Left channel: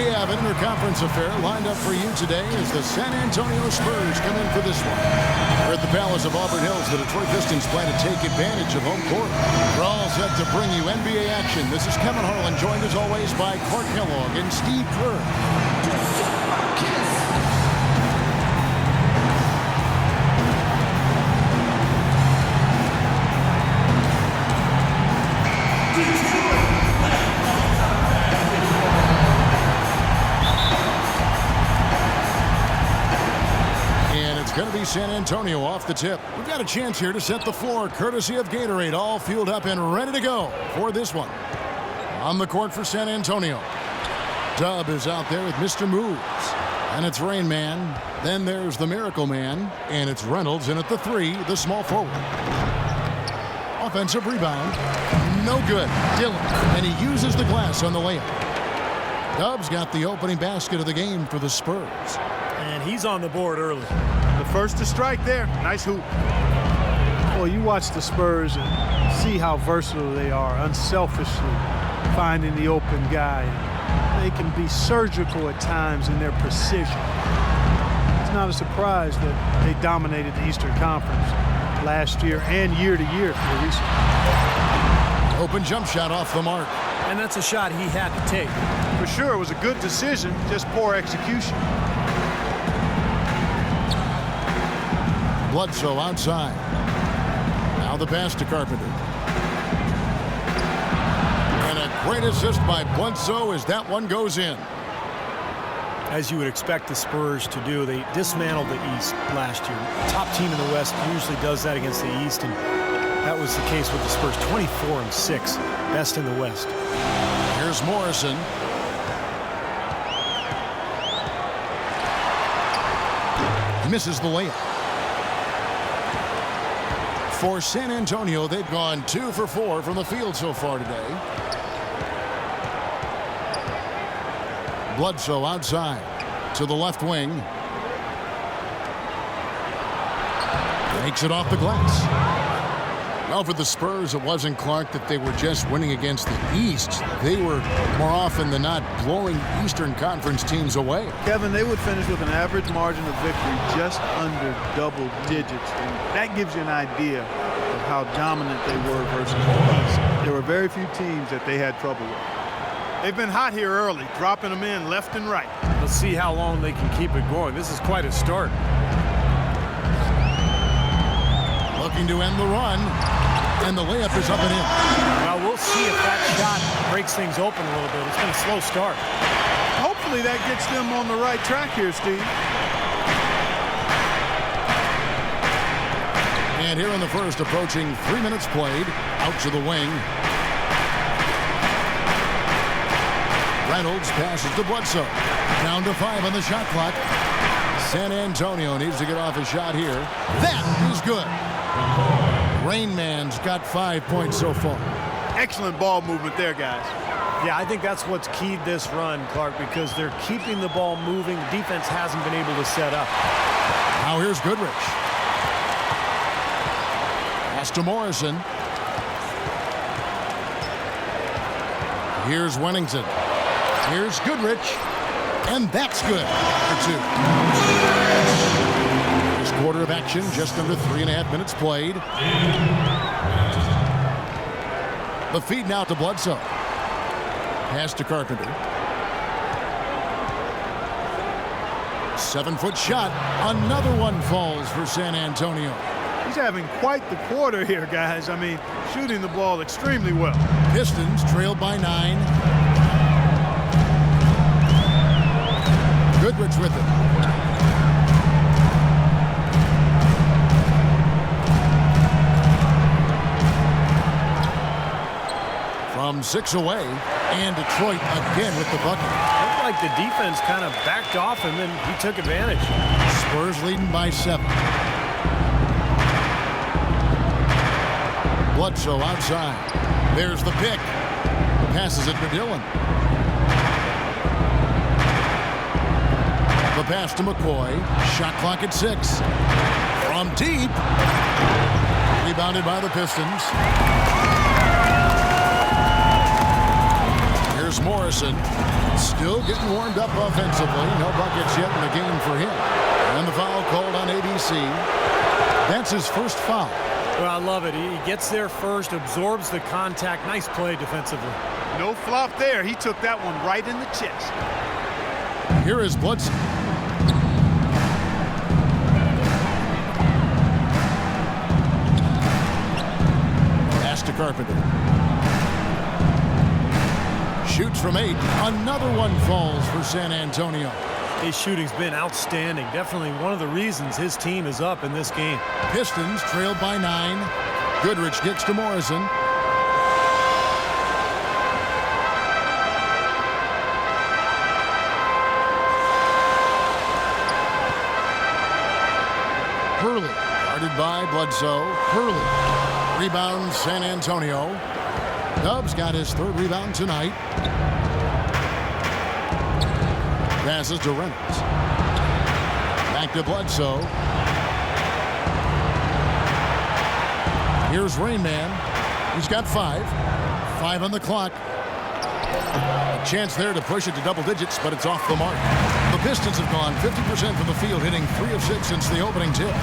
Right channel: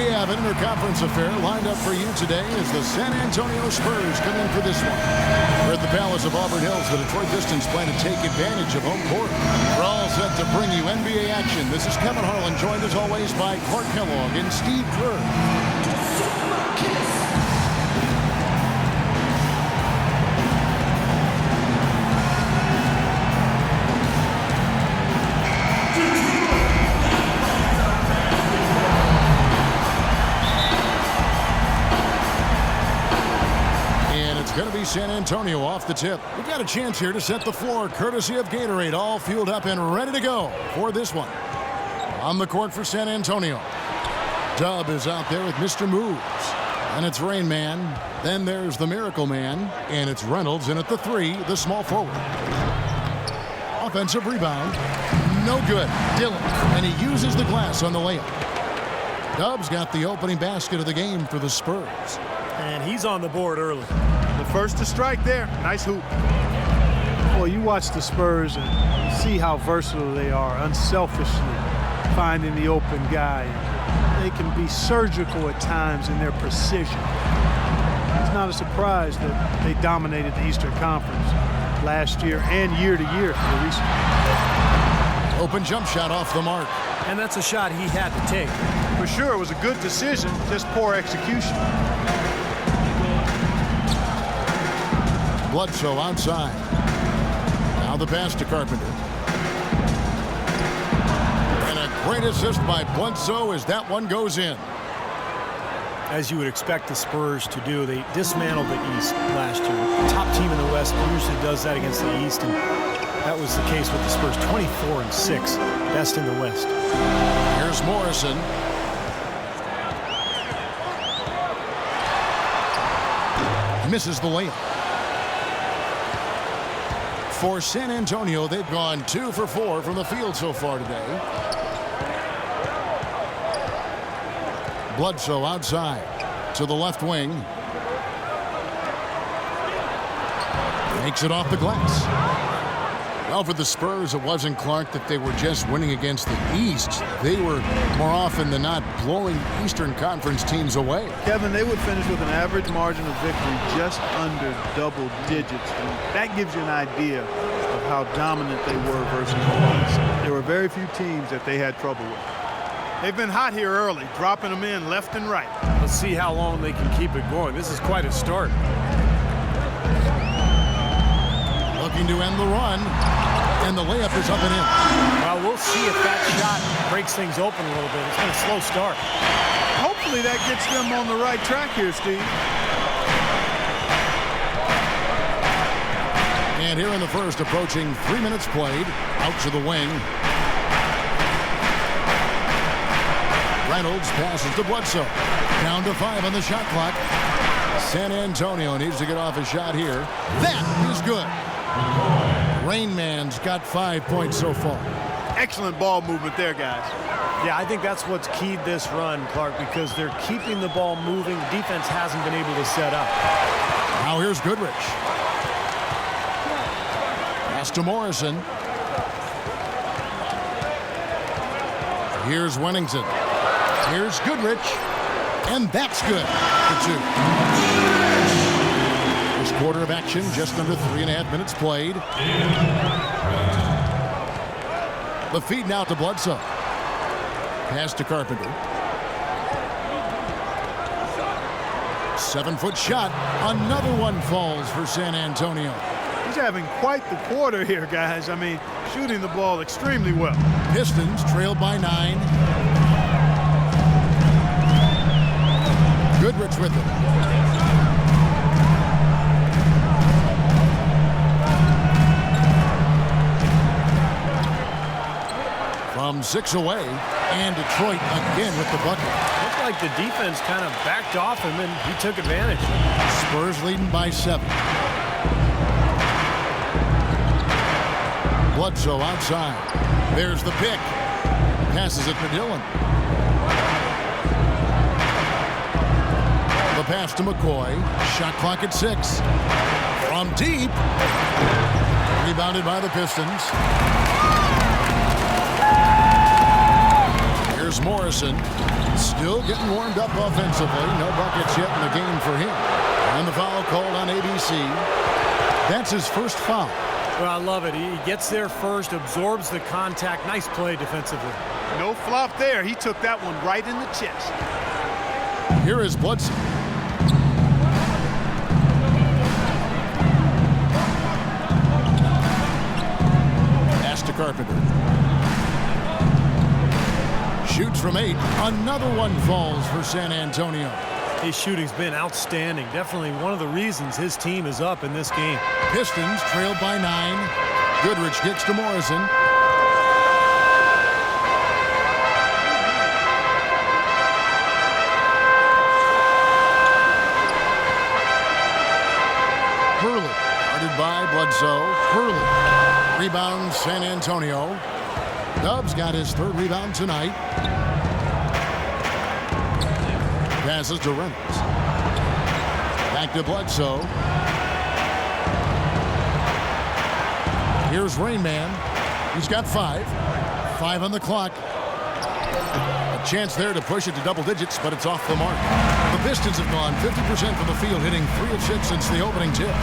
We have an interconference affair lined up for you today as the San Antonio Spurs come in for this one. We're at the Palace of Auburn Hills. The Detroit Pistons plan to take advantage of home court. We're all set to bring you NBA action. This is Kevin Harlan, joined as always by Clark Kellogg and Steve Kerr. It's going to be San Antonio off the tip. We've got a chance here to set the floor, courtesy of Gatorade, all fueled up and ready to go for this one. On the court for San Antonio. Dub is out there with Mr. Moves. And it's Rain Man. Then there's the Miracle Man. And it's Reynolds in at the 3, the small forward. Offensive rebound. No good. Dillon. And he uses the glass on the layup. Dub's got the opening basket of the game for the Spurs. And he's on the board early. The first to strike there. Nice hoop. Well, you watch the Spurs and see how versatile they are, unselfishly finding the open guy. And they can be surgical at times in their precision. It's not a surprise that they dominated the Eastern Conference last year and year to year here recently. Open jump shot off the mark. And that's a shot he had to take. For sure, it was a good decision, just poor execution. Bledsoe outside. Now the pass to Carpenter. And a great assist by Bledsoe as that one goes in. As you would expect the Spurs to do, they dismantled the East last year. The top team in the West usually does that against the East, and that was the case with the Spurs. 24-6, best in the West. Here's Morrison. Misses the layup. For San Antonio, they've gone 2 for 4 from the field so far today. Bledsoe outside to the left wing. Makes it off the glass. Well, for the Spurs, it wasn't, Clark, that they were just winning against the East. They were more often than not blowing Eastern Conference teams away. Kevin, they would finish with an average margin of victory just under double digits. And that gives you an idea of how dominant they were versus the East. There were very few teams that they had trouble with. They've been hot here early, dropping them in left and right. Let's see how long they can keep it going. This is quite a start. Looking to end the run, and the layup is up and in. Well, we'll see if that shot breaks things open a little bit. It's been a slow start. Hopefully that gets them on the right track here, Steve. And here in the first, approaching 3 minutes played, out to the wing. Reynolds passes to Bledsoe. Down to 5 on the shot clock. San Antonio needs to get off a shot here. That is good. Rain Man's got 5 points so far. Excellent ball movement there, guys. Yeah, I think that's what's keyed this run, Clark, because they're keeping the ball moving. The defense hasn't been able to set up. Now here's Goodrich. Pass to Morrison. Here's Wennington. Here's Goodrich. And that's good for 2. First quarter of action, just under 3.5 minutes played. The feed now to Bledsoe. Pass to Carpenter. 7-foot shot. Another one falls for San Antonio. He's having quite the quarter here, guys. I mean, shooting the ball extremely well. Pistons trailed by 9. Goodrich with it. From 6 away, and Detroit again with the bucket. Looked like the defense kind of backed off him, and he took advantage. Spurs leading by 7. Bledsoe outside. There's the pick. Passes it to Dillon. The pass to McCoy. Shot clock at 6. From deep. Rebounded by the Pistons. Here's Morrison. Still getting warmed up offensively. No buckets yet in the game for him. And the foul called on ABC. That's his first foul. Well, I love it. He gets there first, absorbs the contact. Nice play defensively. No flop there. He took that one right in the chest. Here is Bledsoe. Pass to Carpenter. Shoots from 8. Another one falls for San Antonio. His shooting's been outstanding. Definitely one of the reasons his team is up in this game. Pistons trailed by 9. Goodrich kicks to Morrison. Hurley, guarded by Bledsoe. Hurley, rebound San Antonio. Dubs got his 3rd rebound tonight. Passes to Reynolds. Back to Bledsoe. Here's Rain Man. He's got 5. 5 on the clock. A chance there to push it to double digits, but it's off the mark. The Pistons have gone 50% from the field, hitting 3 of 6 since the opening tip.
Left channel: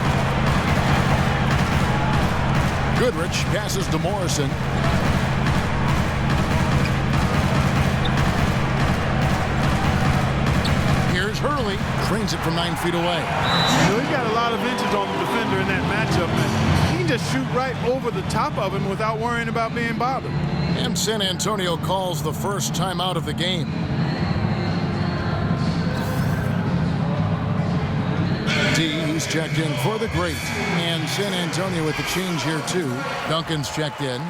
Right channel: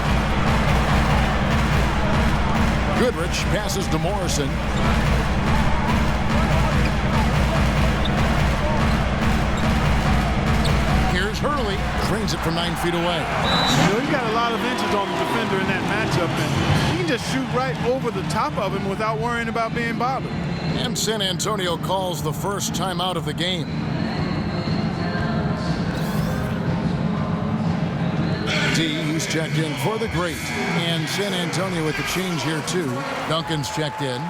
Goodrich passes to Morrison. Here's Hurley. Trains it from 9 feet away. You know, he got a lot of inches on the defender in that matchup, and he can just shoot right over the top of him without worrying about being bothered. And San Antonio calls the first timeout of the game. He's checked in for the great. And San Antonio with the change here, too. Duncan's checked in.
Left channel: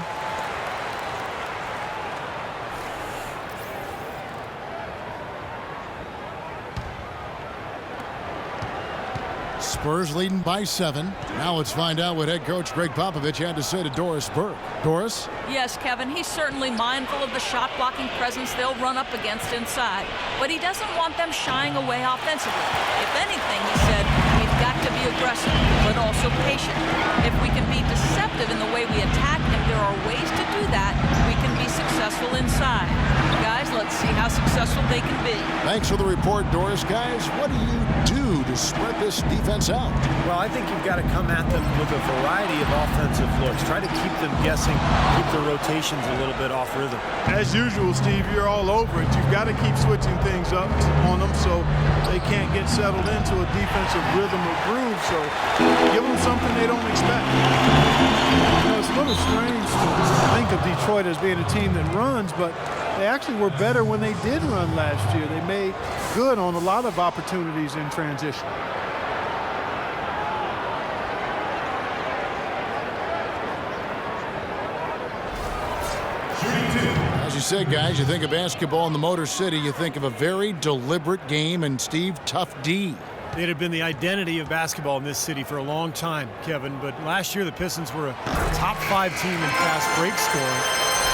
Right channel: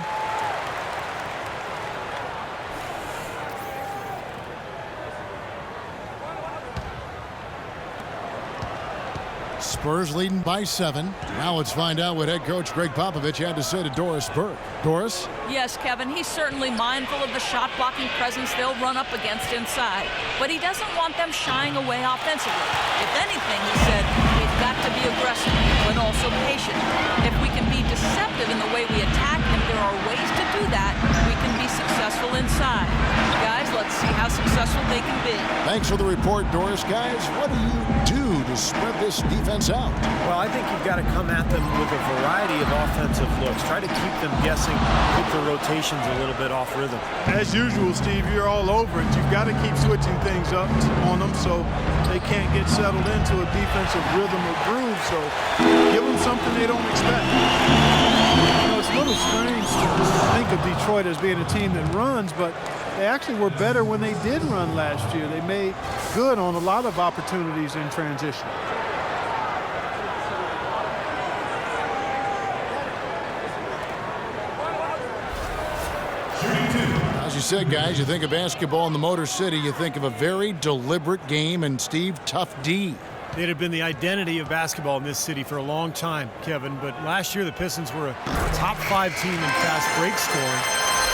Spurs leading by 7. Now let's find out what head coach Greg Popovich had to say to Doris Burke. Doris? Yes, Kevin, he's certainly mindful of the shot-blocking presence they'll run up against inside, but he doesn't want them shying away offensively. If anything, he said, we've got to be aggressive, but also patient. If we can be deceptive in the way we attack, and there are ways to do that, we can be successful inside. Guys, let's see how successful they can be. Thanks for the report, Doris. Guys, what do you do to spread this defense out? Well, I think you've got to come at them with a variety of offensive looks. Try to keep them guessing, keep the rotations a little bit off rhythm. As usual, Steve, you're all over it. You've got to keep switching things up on them so they can't get settled into a defensive rhythm or groove. So give them something they don't expect. You know, it's a little strange to think of Detroit as being a team that runs, but they actually were better when they did run last year. They made good on a lot of opportunities in transition. As you said, guys, you think of basketball in the Motor City, you think of a very deliberate game, and Steve, tough D. It had been the identity of basketball in this city for a long time, Kevin, but last year the Pistons were a top 5 team in fast break scoring.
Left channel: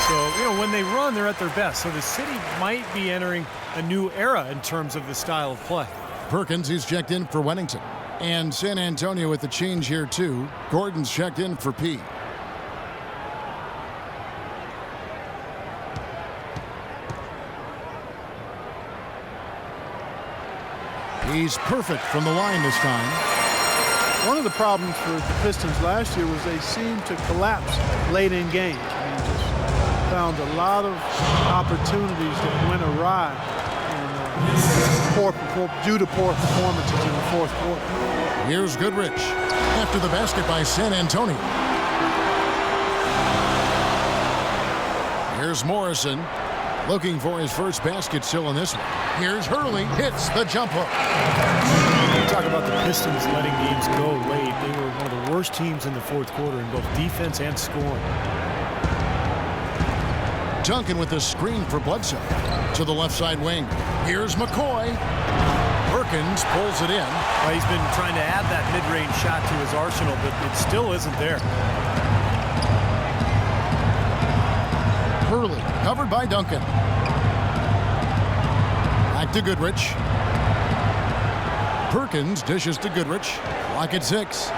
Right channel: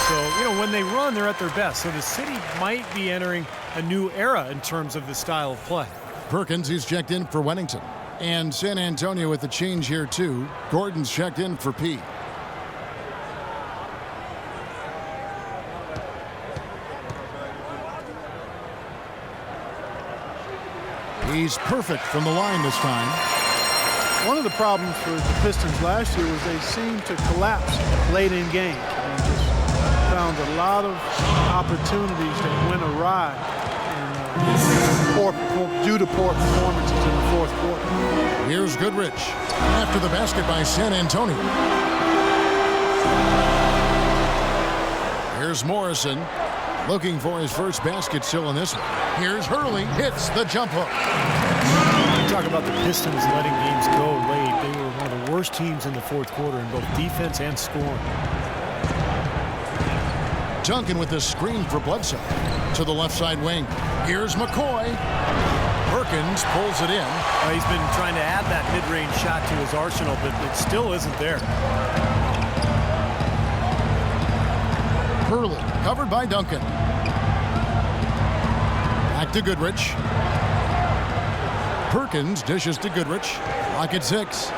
So, you know, when they run, they're at their best. So the city might be entering a new era in terms of the style of play. Perkins, he's checked in for Wennington. And San Antonio with the change here, too. Gordon's checked in for P. He's perfect from the line this time. One of the problems for the Pistons last year was they seemed to collapse late in games. I mean, just found a lot of opportunities that went awry due to poor performances in the fourth quarter. Here's Goodrich after the basket by San Antonio. Here's Morrison looking for his first basket still in this one. Here's Hurley, hits the jump hook. Talk about the Pistons letting games go late. They were one of the worst teams in the fourth quarter in both defense and scoring. Duncan with the screen for Bledsoe to the left side wing. Here's McCoy. Perkins pulls it in. He's been trying to add that mid-range shot to his arsenal, but it still isn't there. Hurley covered by Duncan. Back to Goodrich. Perkins dishes to Goodrich. Clock at 6.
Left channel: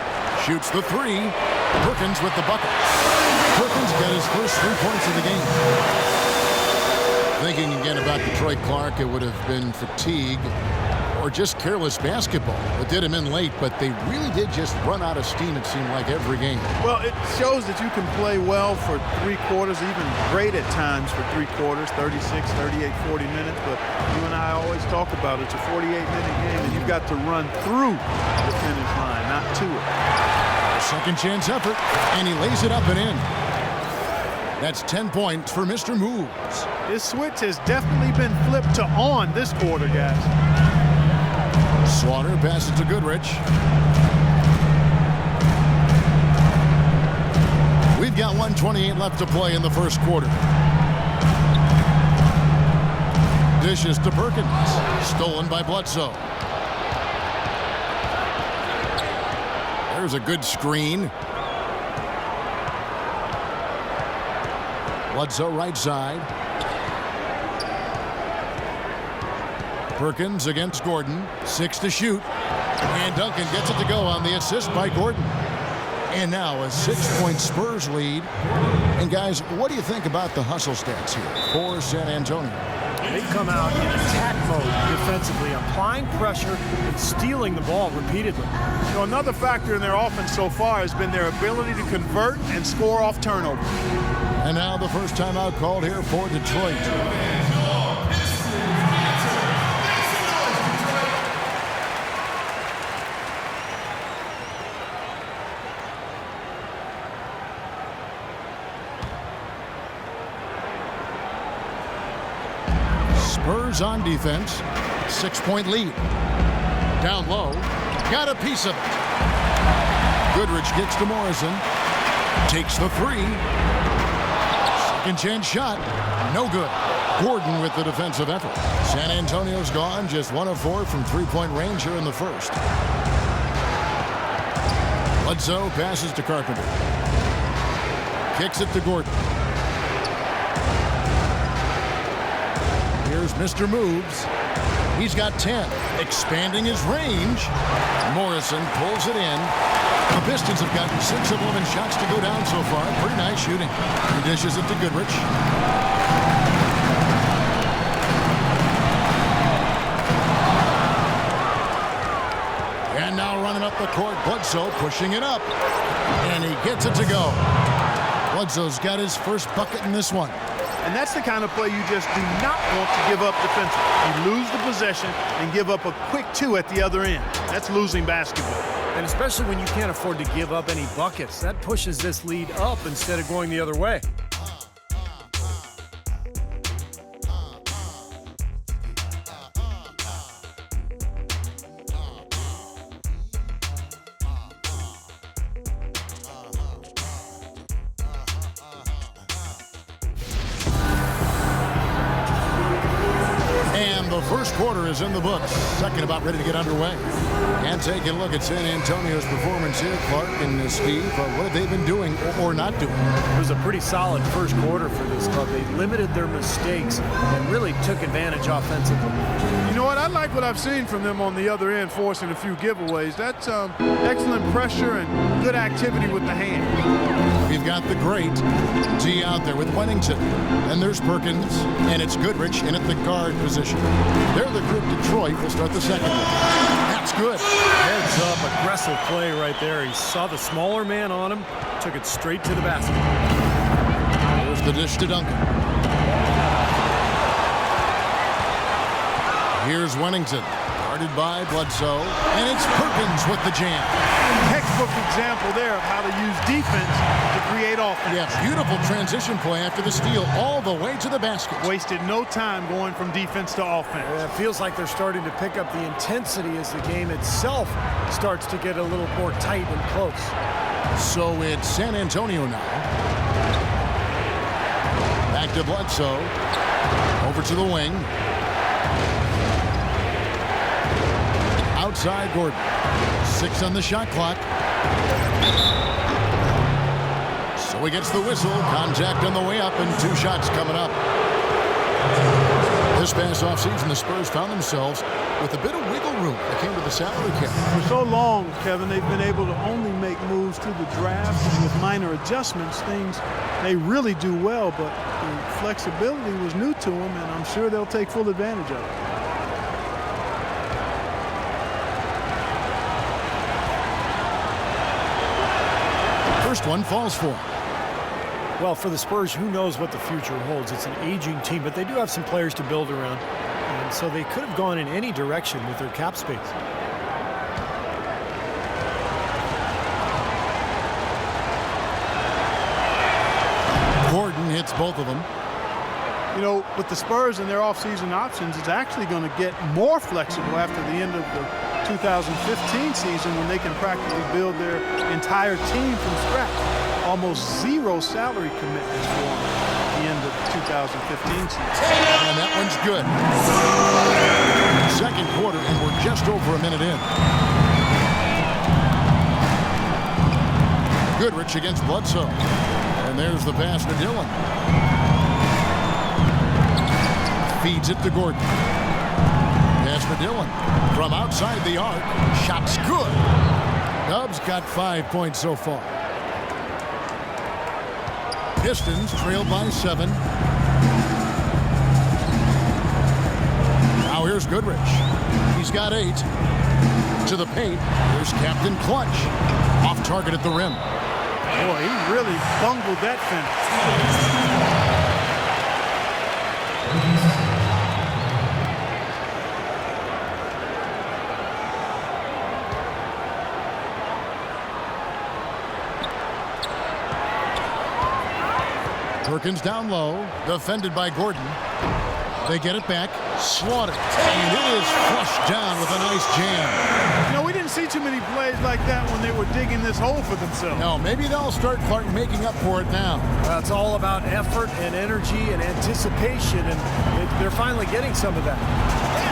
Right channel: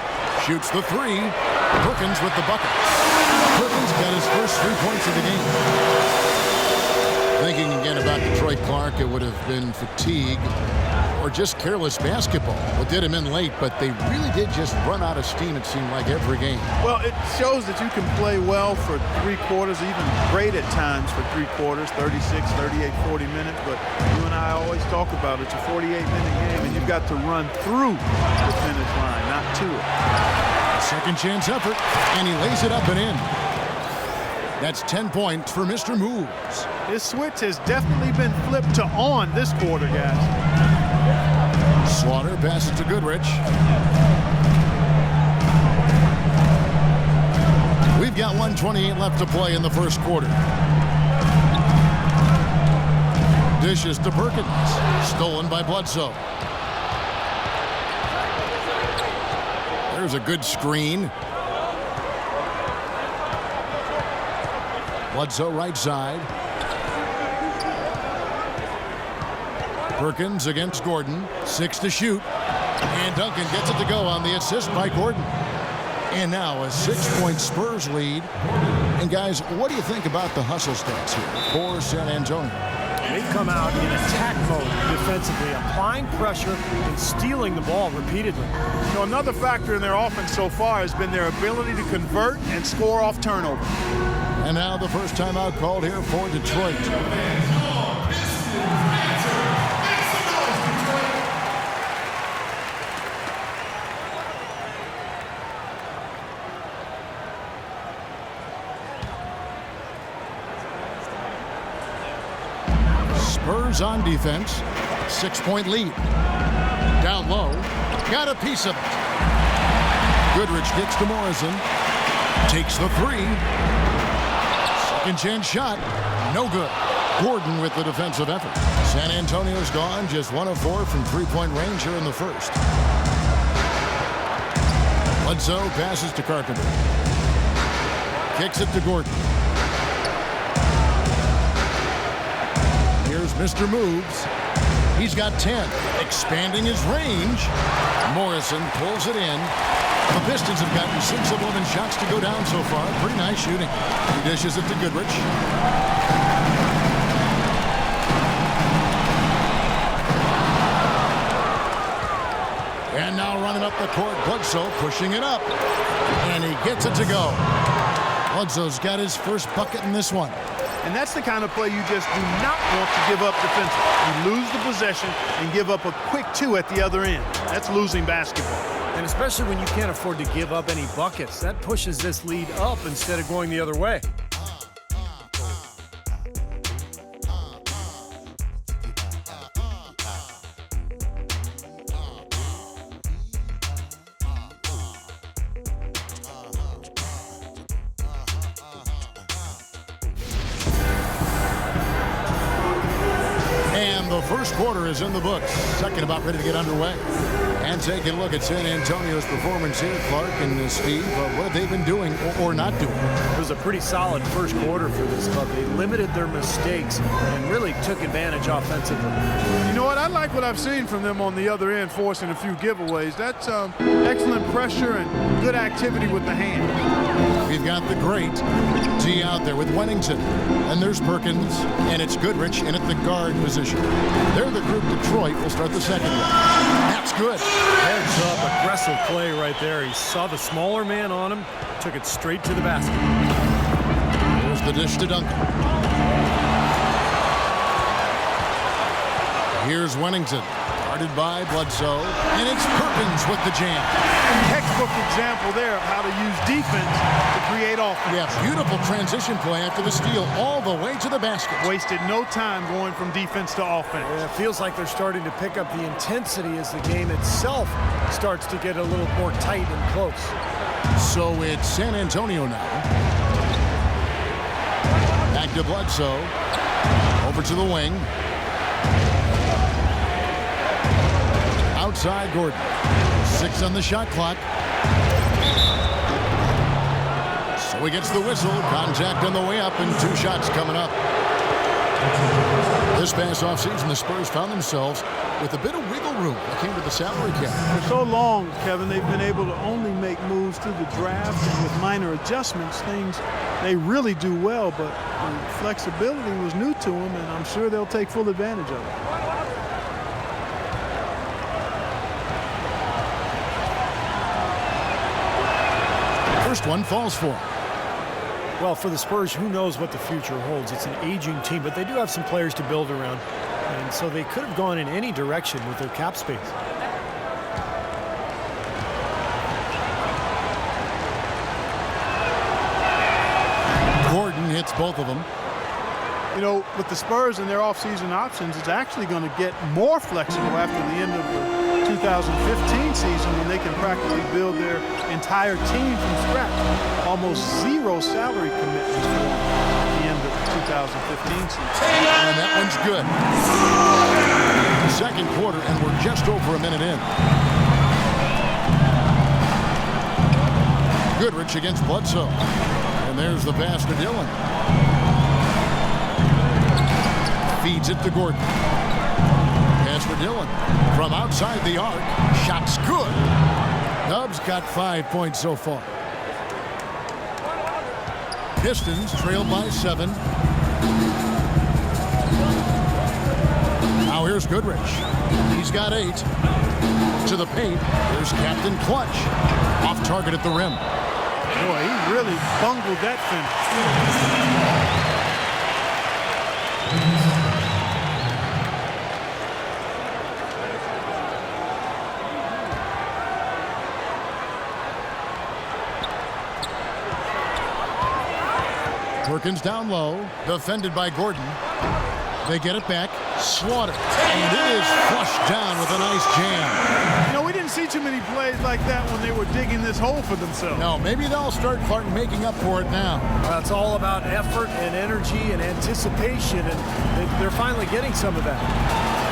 Shoots the 3. Perkins with the bucket. Perkins got his first 3 points of the game. Thinking again about Detroit, Clark, it would have been fatigue or just careless basketball that did him in late, but they really did just run out of steam, it seemed like, every game. Well, it shows that you can play well for 3 quarters, even great at times for 3 quarters, 36, 38, 40 minutes. But you and I always talk about it's a 48-minute game, and you've got to run through the finish line, not to it. A second chance effort, and he lays it up and in. That's 10 points for Mr. Moves. His switch has definitely been flipped to on this quarter, guys. Slaughter passes to Goodrich. We've got 1:28 left to play in the first quarter. Dishes to Perkins. Stolen by Bledsoe. There's a good screen. Bledsoe right side. Perkins against Gordon. 6 to shoot. And Duncan gets it to go on the assist by Gordon. And now a 6-point Spurs lead. And guys, what do you think about the hustle stats here for San Antonio? They come out in attack mode defensively, applying pressure and stealing the ball repeatedly. You know, another factor in their offense so far has been their ability to convert and score off turnover. And now the first timeout called here for Detroit. Spurs on defense. 6-point lead. Down low. Got a piece of it. Goodrich kicks to Morrison. Takes the 3. Second chance shot. No good. Gordon with the defensive effort. San Antonio's gone just 1 of 4 from 3-point range here in the first. Bledsoe passes to Carpenter. Kicks it to Gordon. Here's Mr. Moves. He's got 10. Expanding his range. Morrison pulls it in. The Pistons have gotten 6 of 11 shots to go down so far. Pretty nice shooting. He dishes it to Goodrich. And now running up the court, Bledsoe pushing it up. And he gets it to go. Bledsoe's got his first bucket in this one. And that's the kind of play you just do not want to give up defensively. You lose the possession and give up a quick 2 at the other end. That's losing basketball. And especially when you can't afford to give up any buckets, that pushes this lead up instead of going the other way. And the first quarter is in the books. Second about ready to get underway. And taking a look at San Antonio's performance here, Clark and Steve. What have they been doing or not doing? It was a pretty solid first quarter for this club. They limited their mistakes and really took advantage offensively. You know what? I like what I've seen from them on the other end, forcing a few giveaways. That's excellent pressure and good activity with the hand. We've got the great D out there with Wennington. And there's Perkins, and it's Goodrich in at the guard position. They're the group. Detroit will start the second one. That's good. Heads up, aggressive play right there. He saw the smaller man on him, took it straight to the basket. Here's the dish to Duncan. Here's Wennington, guarded by Bledsoe, and it's Perkins with the jam. Textbook example there of how to use defense to create offense. Yeah, beautiful transition play after the steal all the way to the basket. Wasted no time going from defense to offense. It feels like they're starting to pick up the intensity as the game itself starts to get a little more tight and close. So it's San Antonio now. Back to Bledsoe. Over to the wing. Outside Gordon. 6 on the shot clock. So he gets the whistle. Contact on the way up and 2 shots coming up. This past offseason, the Spurs found themselves with a bit of wiggle room when it came to the salary cap. For so long, Kevin, they've been able to only make moves through the draft, and with minor adjustments, things they really do well, but the flexibility was new to them, and I'm sure they'll take full advantage of it. First one falls for him. Well, for the Spurs, who knows what the future holds? It's an aging team, but they do have some players to build around. And so they could have gone in any direction with their cap space. Gordon hits both of them. You know, with the Spurs and their offseason options, it's actually going to get more flexible after the end of the 2015 season when they can practically build their entire team from scratch. Almost zero salary commitments for them at the end of the 2015 season. And that one's good. Second quarter, and we're just over a minute in. Goodrich against Bledsoe. And there's the pass to Dillon. Feeds it to Gordon. Pass to Dillon. From outside the arc. Shot's good. Dubs got 5 points so far. Pistons trail by 7. Now here's Goodrich. He's got 8. To the paint. Here's Captain Clutch. Off target at the rim. Boy, he really bungled that finish. Perkins down low, defended by Gordon. They get it back, Slaughter, and it is flushed down with a nice jam. You know, we didn't see too many plays like that when they were digging this hole for themselves. No, maybe they'll start Clark making up for it now. Well, it's all about effort and energy and anticipation, and they're finally getting some of that.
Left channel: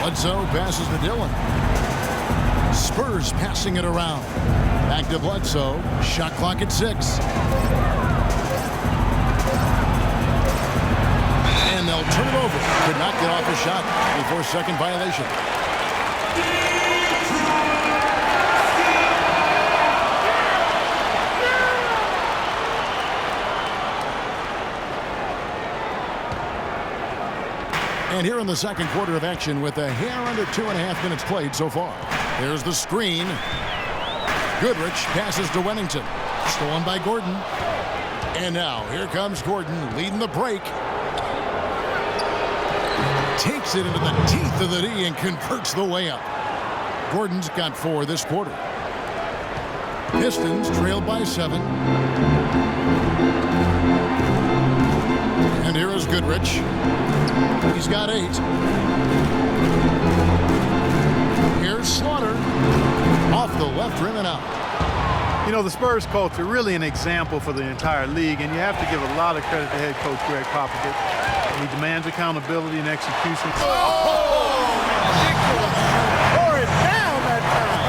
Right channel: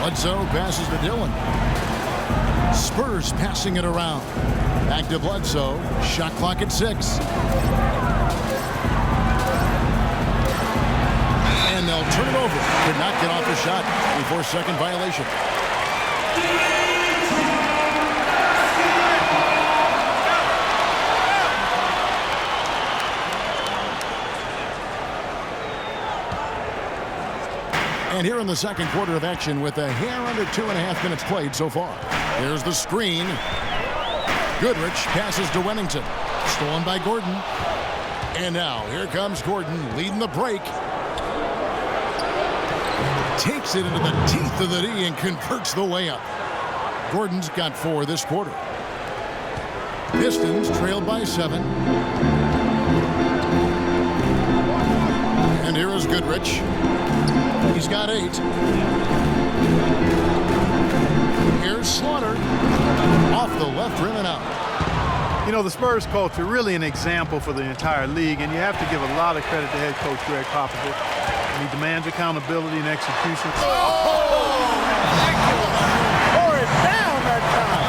Bledsoe passes to Dillon. Spurs passing it around. Back to Bledsoe, shot clock at 6. And they'll turn it over. Could not get off a shot. 24-second violation. And here in the second quarter of action with a hair under 2.5 minutes played so far. There's the screen. Goodrich passes to Wennington. Stolen by Gordon. And now here comes Gordon leading the break. Takes it into the teeth of the D and converts the layup. Gordon's got 4 this quarter. Pistons trailed by 7. And here is Goodrich. He's got 8. Here's Slaughter. Off the left rim and out. You know, the Spurs culture, really an example for the entire league, and you have to give a lot of credit to head coach Greg Popovich. And he demands accountability and execution. Oh, ridiculous. Tore it down that time.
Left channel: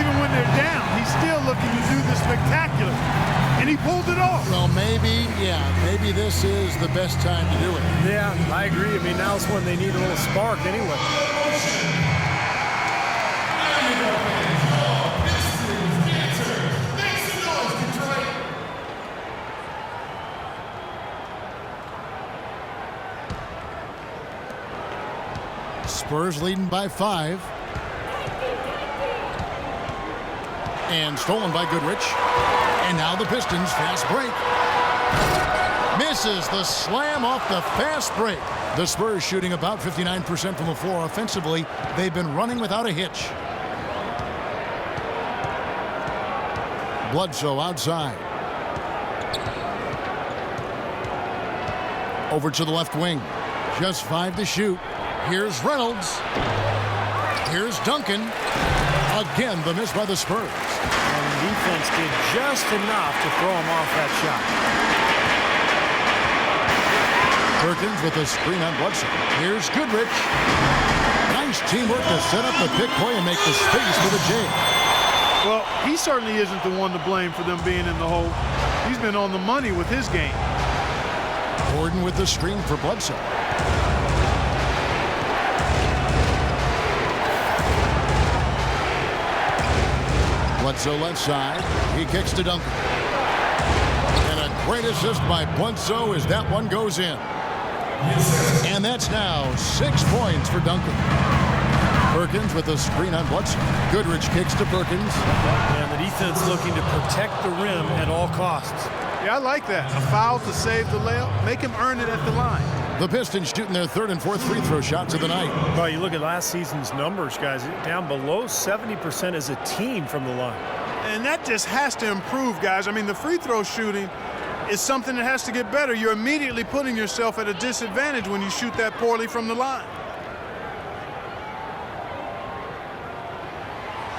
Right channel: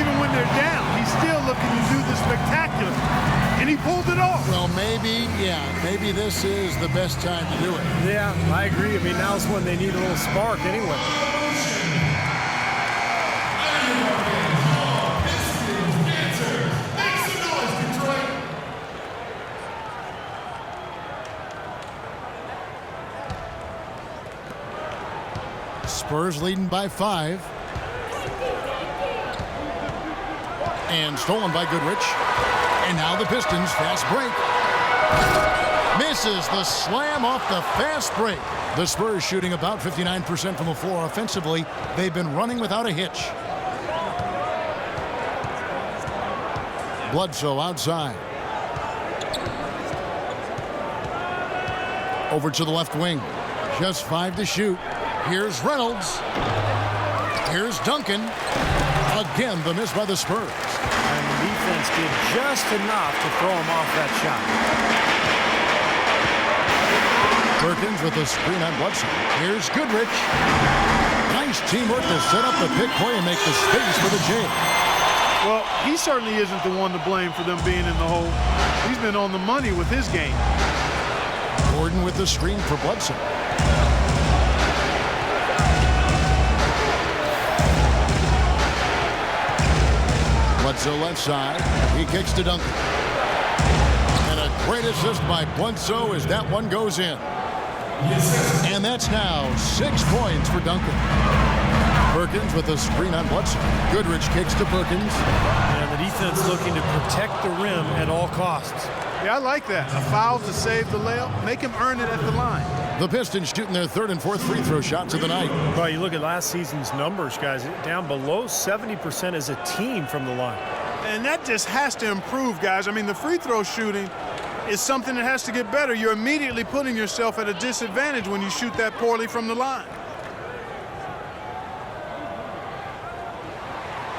Even when they're down, he's still looking to do the spectacular. And he pulled it off. Well, maybe this is the best time to do it. Yeah, I agree. I mean, now's when they need a little spark anyway. Spurs leading by 5. And stolen by Goodrich. And now the Pistons fast break. Misses the slam off the fast break. The Spurs shooting about 59% from the floor offensively. They've been running without a hitch. Bledsoe outside. Over to the left wing. Just 5 to shoot. Here's Reynolds. Here's Duncan. Again, the miss by the Spurs. And the defense did just enough to throw him off that shot. Perkins with a screen on Bledsoe. Here's Goodrich. Nice teamwork to set up the pick play and make the space for the J. Well, he certainly isn't the one to blame for them being in the hole. He's been on the money with his game. Gordon with the screen for Bledsoe. Bledsoe left side. He kicks to Duncan. And a great assist by Bledsoe as that one goes in. And that's now 6 points for Duncan. Perkins with a screen on Bledsoe. Goodrich kicks to Perkins. And the defense looking to protect the rim at all costs. Yeah, I like that. A foul to save the layup. Make him earn it at the line. The Pistons shooting their third and fourth free throw shots of the night. Well, you look at last season's numbers, guys, down below 70% as a team from the line. And that just has to improve, guys. I mean, the free throw shooting is something that has to get better. You're immediately putting yourself at a disadvantage when you shoot that poorly from the line.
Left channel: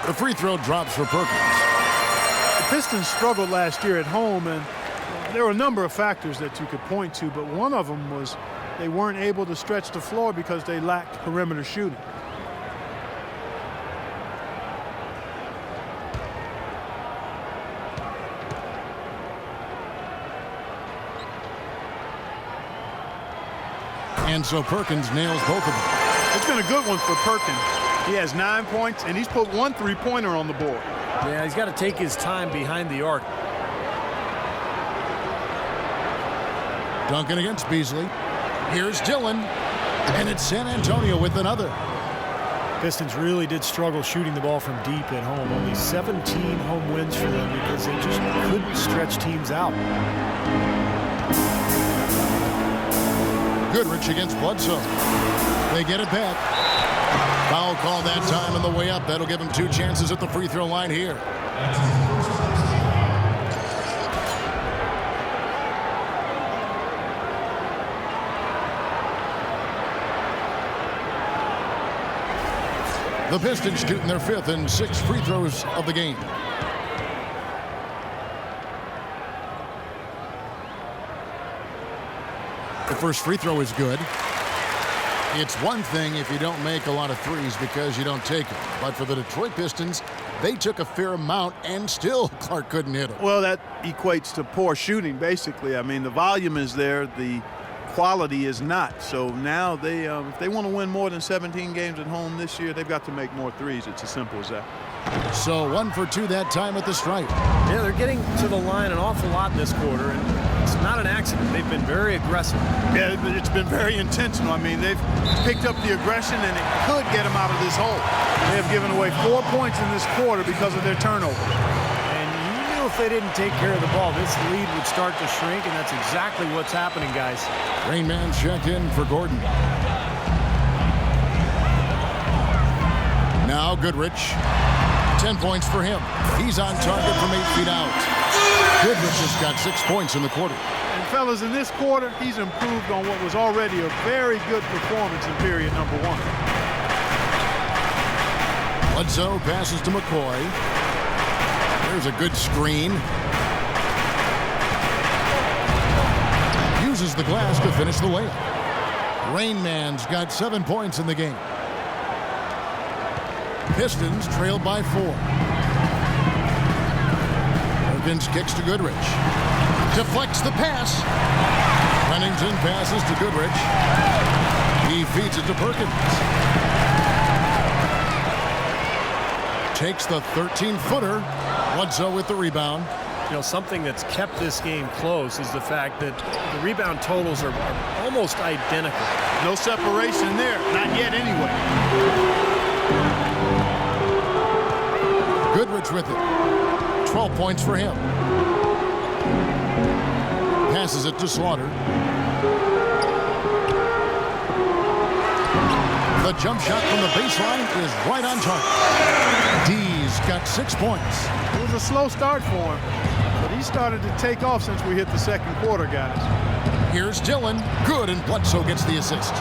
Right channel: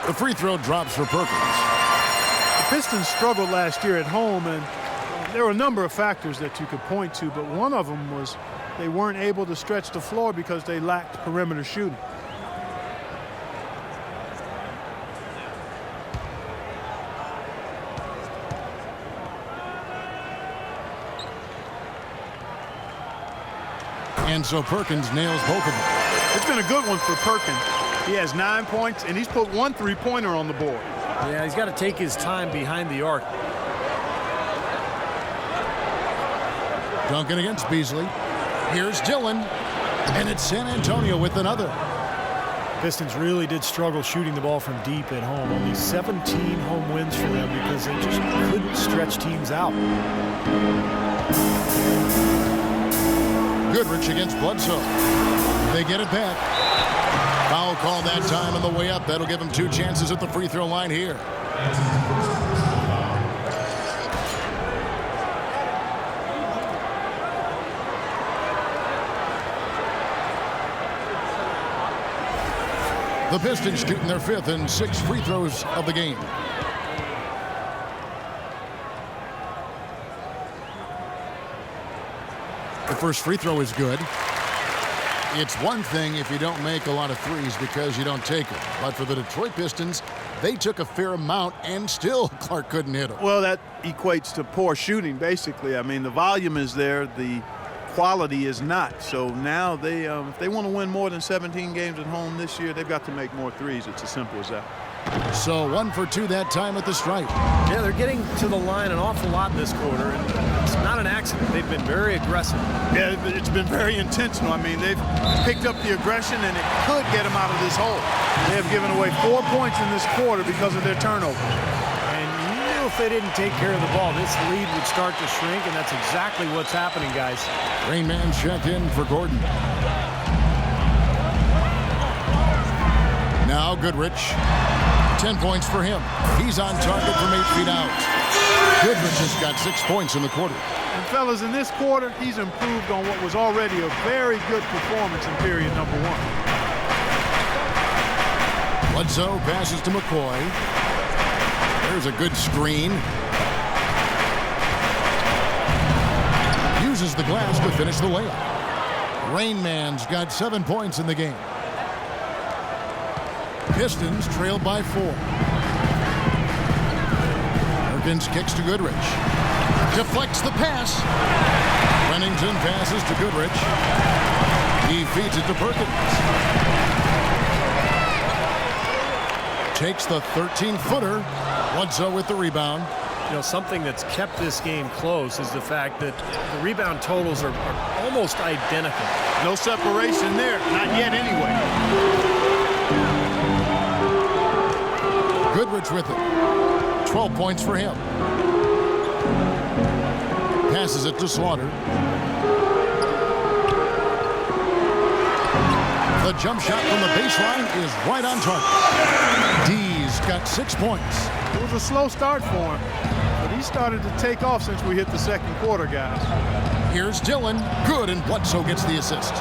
The free throw drops for Perkins. The Pistons struggled last year at home, and there were a number of factors that you could point to, but one of them was they weren't able to stretch the floor because they lacked perimeter shooting. And so Perkins nails both of them. It's been a good one for Perkins. He has 9 points, and he's put 1 3-pointer on the board. Yeah, he's got to take his time behind the arc. Duncan against Beasley. Here's Dillon. And it's San Antonio with another. Pistons really did struggle shooting the ball from deep at home. Only 17 home wins for them because they just couldn't stretch teams out. Goodrich against Bledsoe. They get it back. Foul call that time on the way up. That'll give him 2 chances at the free throw line here. The Pistons shooting their 5th and 6th free throws of the game. The first free throw is good. It's one thing if you don't make a lot of threes because you don't take them. But for the Detroit Pistons, they took a fair amount and still Clark couldn't hit them. Well, that equates to poor shooting, basically. I mean, the volume is there. The quality is not. So now they, if they want to win more than 17 games at home this year, they've got to make more threes. It's as simple as that. So 1 for 2 that time at the stripe. Yeah, they're getting to the line an awful lot in this quarter, and it's not an accident. They've been very aggressive. Yeah, it's been very intentional. I mean, they've picked up the aggression, and it could get them out of this hole. They have given away 4 points in this quarter because of their turnover. And you knew if they didn't take care of the ball, this lead would start to shrink, and that's exactly what's happening, guys. Rain Man checked in for Gordon. Now Goodrich. 10 points for him. He's on target from 8 feet out. Goodrich has got 6 points in the quarter. And fellas, in this quarter, he's improved on what was already a very good performance in period number 1. Bledsoe passes to McCoy. There's a good screen. Uses the glass to finish the layup. Rain Man's got 7 points in the game. Pistons trail by 4. Perkins kicks to Goodrich. Deflects the pass. Pennington passes to Goodrich. He feeds it to Perkins. Takes the 13-footer. Bledsoe with the rebound. You know, something that's kept this game close is the fact that the rebound totals are almost identical. No separation there. Not yet anyway. Goodrich with it. 12 points for him. Passes it to Slaughter. The jump shot from the baseline is right on target. D's got 6 points. It was a slow start for him, but he started to take off since we hit the second quarter, guys. Here's Dillon. Good, and Bledsoe gets the assist.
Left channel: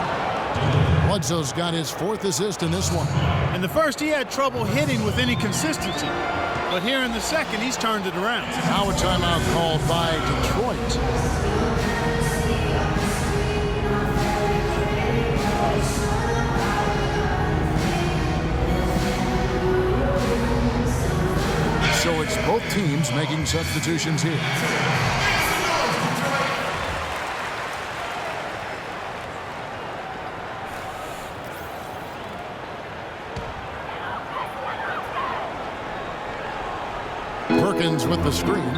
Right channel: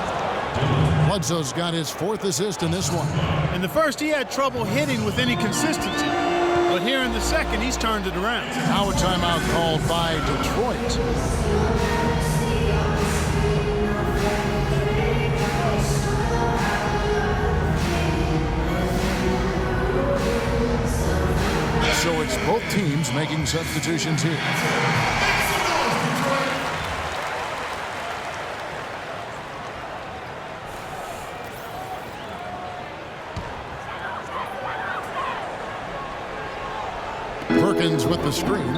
Bledsoe's got his 4th assist in this one. In the first, he had trouble hitting with any consistency. But here in the second, he's turned it around. Now a timeout called by Detroit. So it's both teams making substitutions here. Perkins with the screen.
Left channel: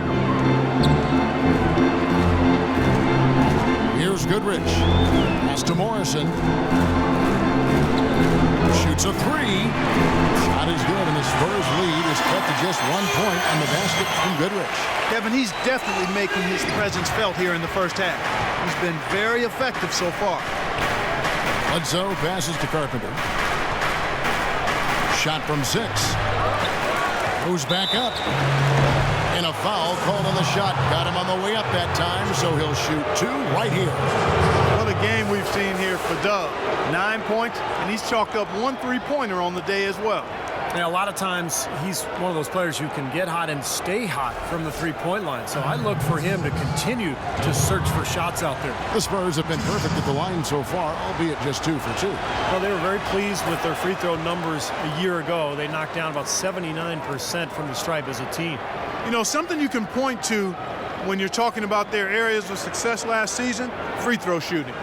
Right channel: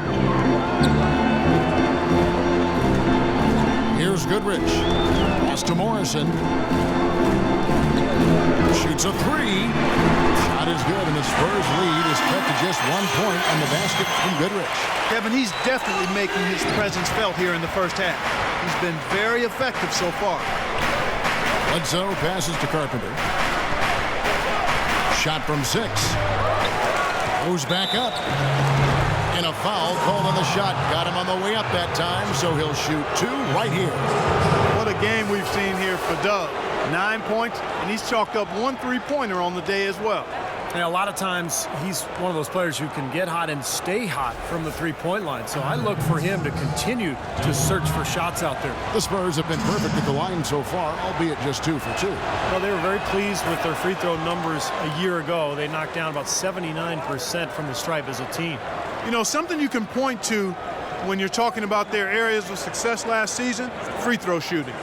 Here's Goodrich. Pass to Morrison. Shoots a three. Shot is good, and the Spurs lead is cut to just 1 point on the basket from Goodrich. Kevin, he's definitely making his presence felt here in the first half. He's been very effective so far. Bledsoe passes to Carpenter. Shot from 6. Goes back up. And a foul called on the shot. Got him on the way up that time, so he'll shoot 2 right here. What a game we've seen here for Doug. 9 points, and he's chalked up 1 3-pointer on the day as well. Yeah, a lot of times he's one of those players who can get hot and stay hot from the three-point line. So I look for him to continue to search for shots out there. The Spurs have been perfect at the line so far, albeit just 2 for 2. Well, they were very pleased with their free throw numbers a year ago. They knocked down about 79% from the stripe as a team. You know, something you can point to when you're talking about their areas of success last season, free throw shooting.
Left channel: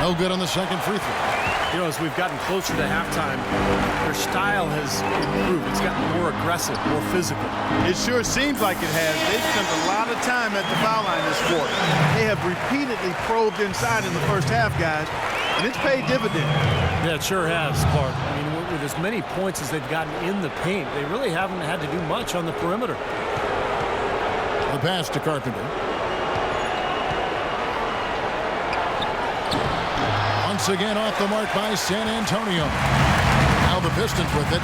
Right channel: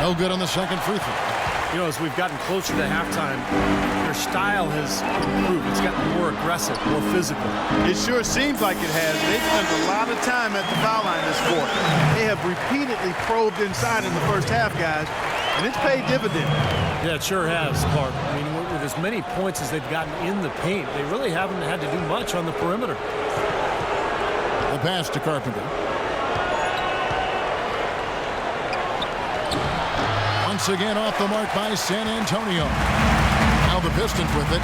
No good on the second free throw. You know, as we've gotten closer to halftime, their style has improved. It's gotten more aggressive, more physical. It sure seems like it has. They've spent a lot of time at the foul line this quarter. They have repeatedly probed inside in the first half, guys, and it's paid dividends. Yeah, it sure has, Clark. I mean, with as many points as they've gotten in the paint, they really haven't had to do much on the perimeter. The pass to Carpenter. Once again off the mark by San Antonio. Now the Pistons with it.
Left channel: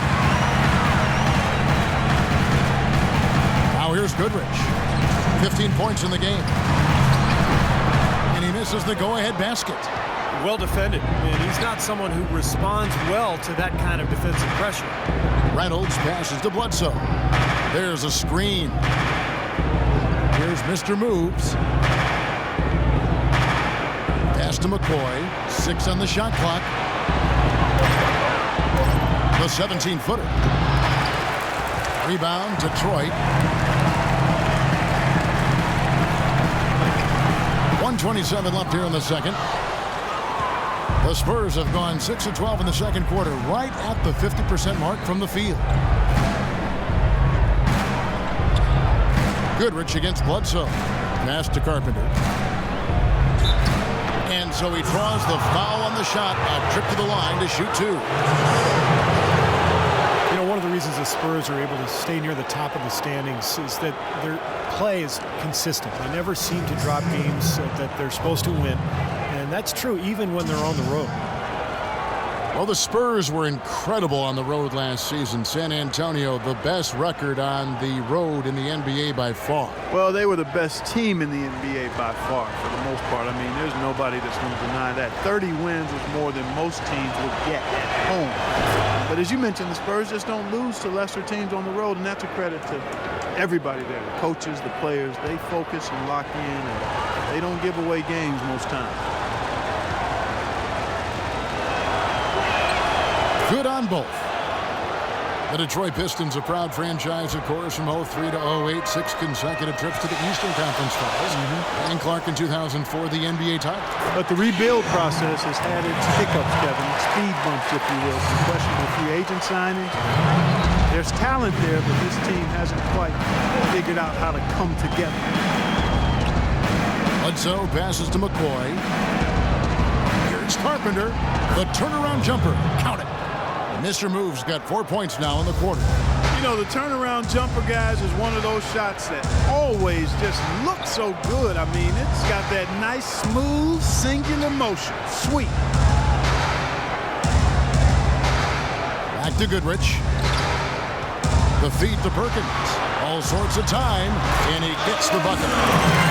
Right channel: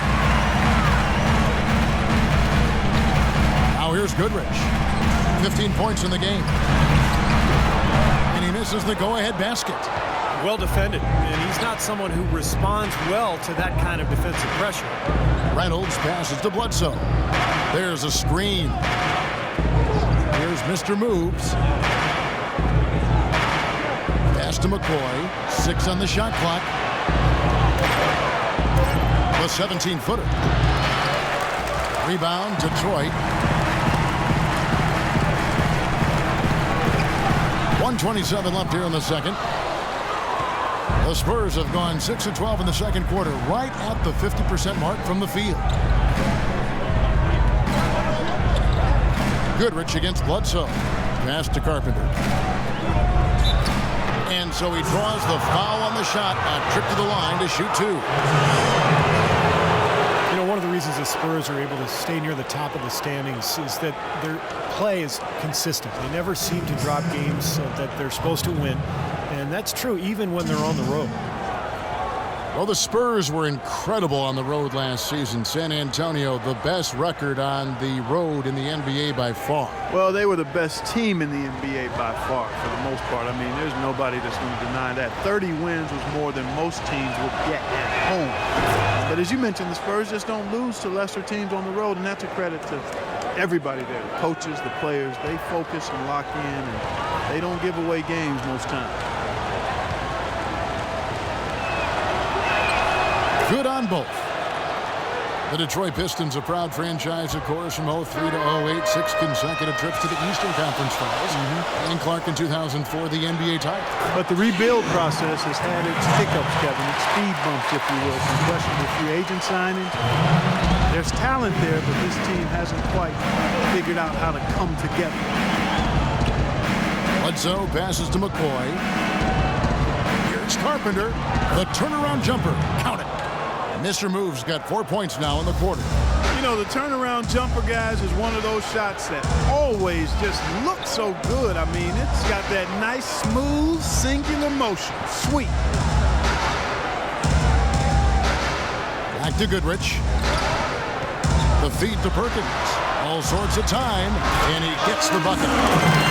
Now here's Goodrich. 15 points in the game. And he misses the go-ahead basket. Well defended, and he's not someone who responds well to that kind of defensive pressure. Reynolds passes to Bledsoe. There's a screen. Here's Mr. Moves. Pass to McCoy. 6 on the shot clock. The 17-footer. Rebound, Detroit. 1:27 left here in the second. The Spurs have gone 6 of 12 in the second quarter, right at the 50% mark from the field. Goodrich against Bledsoe. Pass to Carpenter. And so he draws the foul on the shot. A trip to the line to shoot 2. You know, one of the reasons the Spurs are able to stay near the top of the standings is that their play is consistent. They never seem to drop games that they're supposed to win. And that's true even when they're on the road. Well, the Spurs were incredible on the road last season. San Antonio, the best record on the road in the NBA by far. Well, they were the best team in the NBA by far, for the most part. I mean, there's nobody that's going to deny that. 30 wins was more than most teams would get at home. But as you mentioned, the Spurs just don't lose to lesser teams on the road, and that's a credit to everybody there. The coaches, the players, they focus and lock in, and they don't give away games most times. Good on both. The Detroit Pistons, a proud franchise, of course, from 03 to 08, 6 consecutive trips to the Eastern Conference Finals. And Clark in 2004, the NBA title. But the rebuild process has had its hiccups, Kevin, its speed bumps, if you will, some questionable free agent signings. There's talent there, but this team hasn't quite figured out how to come together. Bledsoe passes to McCoy. Here's Carpenter. The turnaround jumper. Count it. Mr. Moves got 4 points now in the quarter. You know, the turnaround jumper, guys, is one of those shots that always just looks so good. I mean, it's got that nice, smooth, singular motion. Sweet. Back to Goodrich. The feed to Perkins. All sorts of time, and he gets the bucket.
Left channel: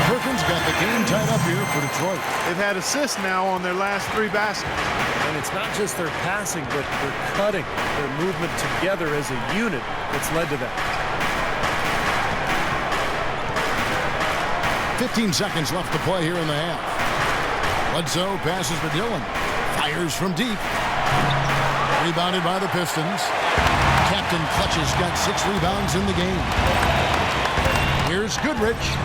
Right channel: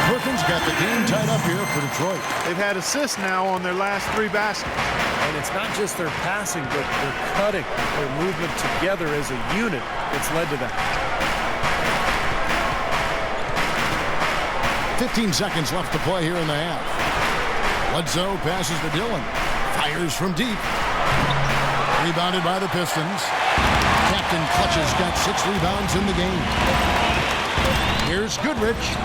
Perkins got the game tied up here for Detroit. They've had assists now on their last 3 baskets. And it's not just their passing, but their cutting, their movement together as a unit that's led to that. 15 seconds left to play here in the half. Bledsoe passes to Dillon. Fires from deep. Rebounded by the Pistons. Captain Clutch's got 6 rebounds in the game. Here's Goodrich.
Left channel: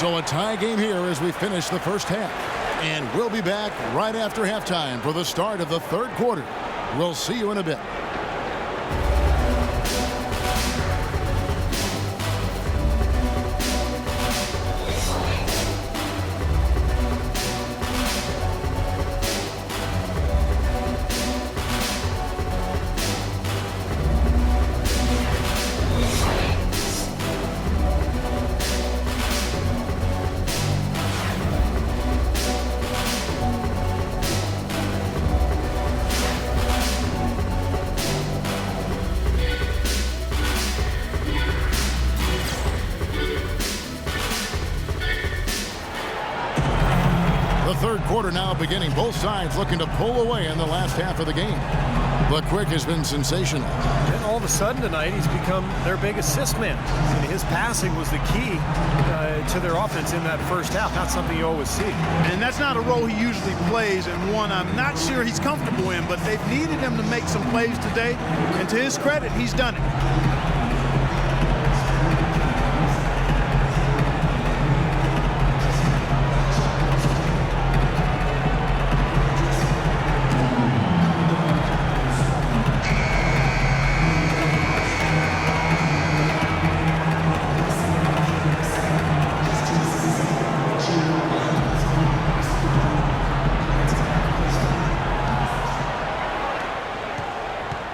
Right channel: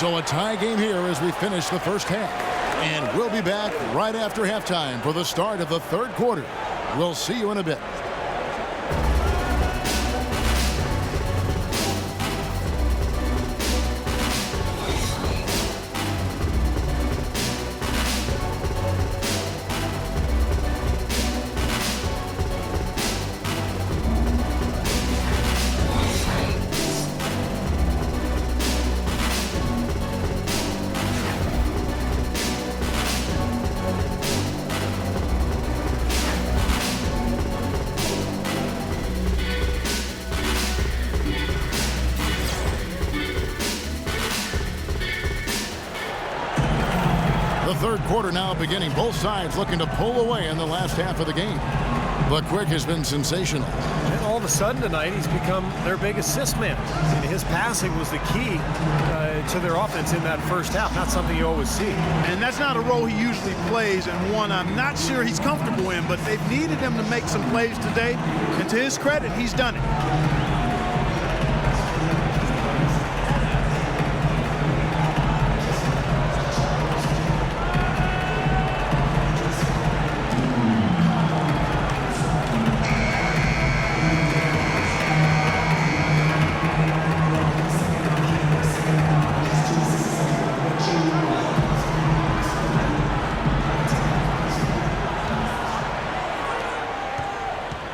So a tie game here as we finish the first half. And we'll be back right after halftime for the start of the third quarter. We'll see you in a bit. The third quarter now beginning. Both sides looking to pull away in the last half of the game. But Quick has been sensational. And all of a sudden tonight, he's become their big assist man. And his passing was the key to their offense in that first half. Not something you always see. And that's not a role he usually plays, and one I'm not sure he's comfortable in, but they've needed him to make some plays today. And to his credit, he's done it.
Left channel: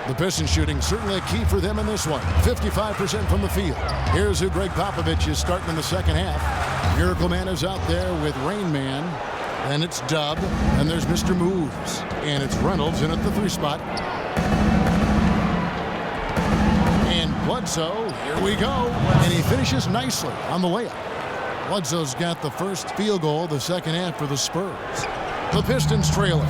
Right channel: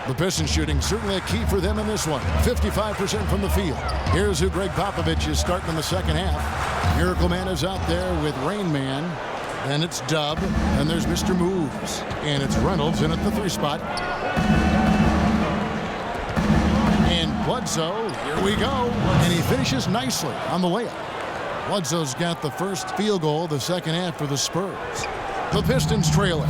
The Pistons shooting certainly a key for them in this one. 55% from the field. Here's who Greg Popovich is starting in the second half. Miracle Man is out there with Rain Man. Then it's Dub. And there's Mr. Moves. And it's Reynolds in at the 3 spot. And Bledsoe, here we go. And he finishes nicely on the layup. Bledsoe's got the first field goal of the second half for the Spurs. The Pistons trailing.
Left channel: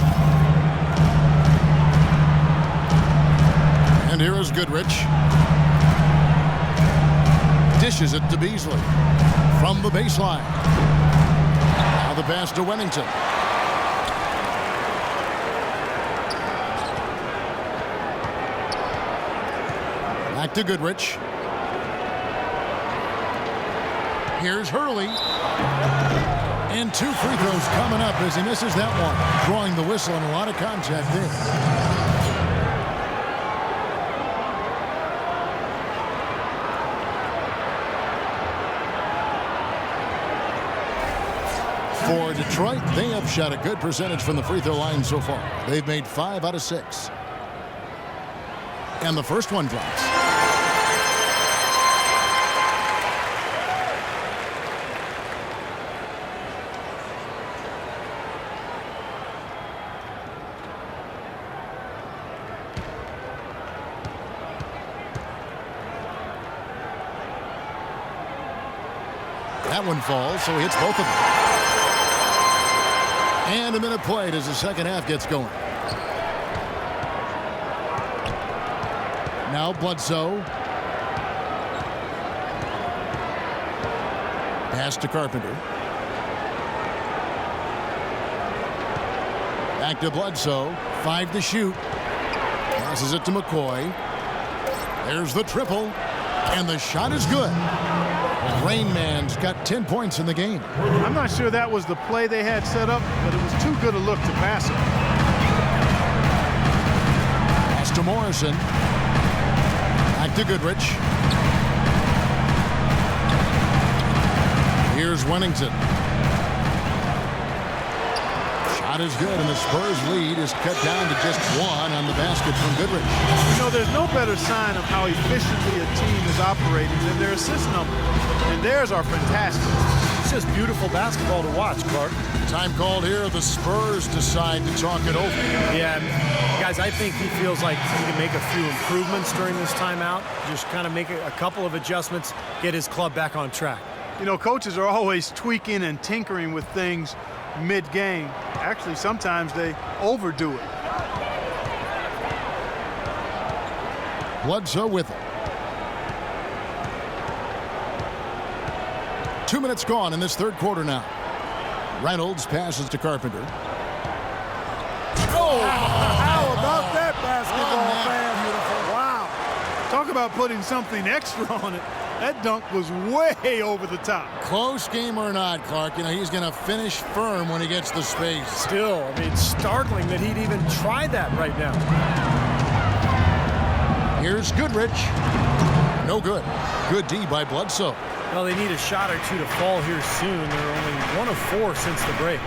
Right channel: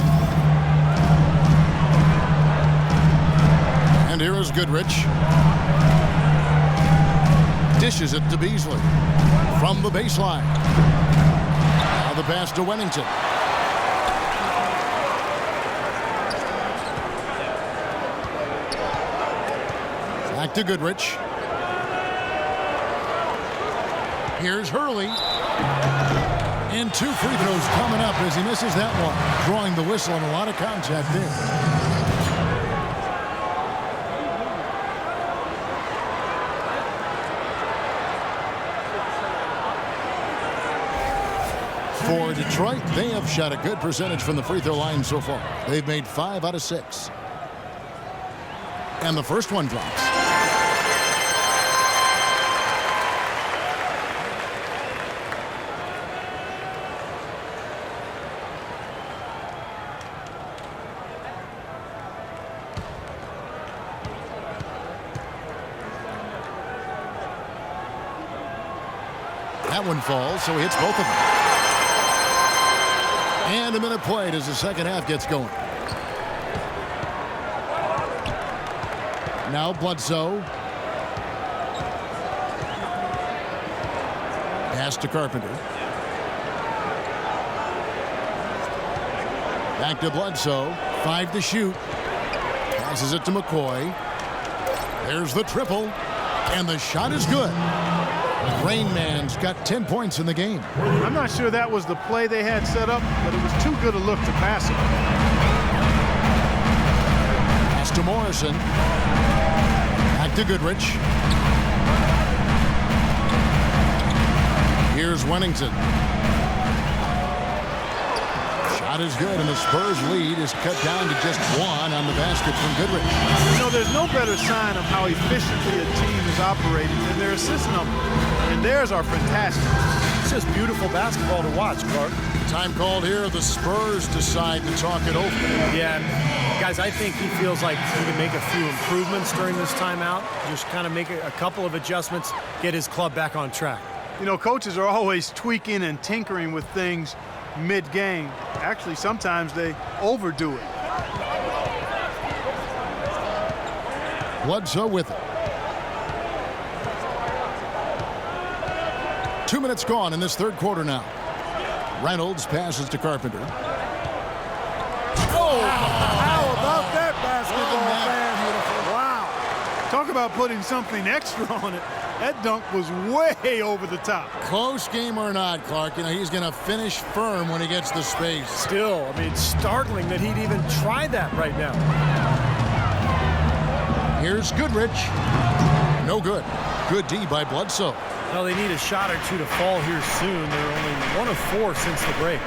And here is Goodrich. Dishes it to Beasley from the baseline. Now the pass to Wennington. Back to Goodrich. Here's Hurley. And 2 free throws coming up as he misses that one. Drawing the whistle and a lot of contact there. For Detroit, they have shot a good percentage from the free throw line so far. They've made 5 out of 6. And the first one drops. That one falls, so he hits both of them. And a minute played as the second half gets going. Now Bledsoe. Pass to Carpenter. Back to Bledsoe. 5 to shoot. Passes it to McCoy. There's the triple. And the shot is good. Rain Man's got 10 points in the game. I'm not sure that was the play they had set up, but it was too good a look to pass it. Pass to Morrison. Back to Goodrich. Here's Wennington. Shot is good, and the Spurs lead is cut down to just 1 on the basket from Goodrich. You know, there's no better sign of how efficiently a team is operating than their assist number. And theirs are fantastic. It's just beautiful basketball to watch, Clark. Time called here. The Spurs decide to talk it over. Yeah, guys, I think he feels like he can make a few improvements during this timeout. Just kind of make a couple of adjustments, get his club back on track. You know, coaches are always tweaking and tinkering with things mid-game. Actually, sometimes they overdo it. Bledsoe with it. 2 minutes gone in this third quarter now. Reynolds passes to Carpenter. Oh, how about that basketball, Wasn't that fan? beautiful? Wow. Talk about putting something extra on it. That dunk was way over the top. Close game or not, Clark, he's going to finish firm when he gets the space. Still, it's startling that he'd even try that right now. Here's Goodrich. No good. Good D by Bledsoe. Well, they need a shot or two to fall here soon. They're only 1 of 4 since the break.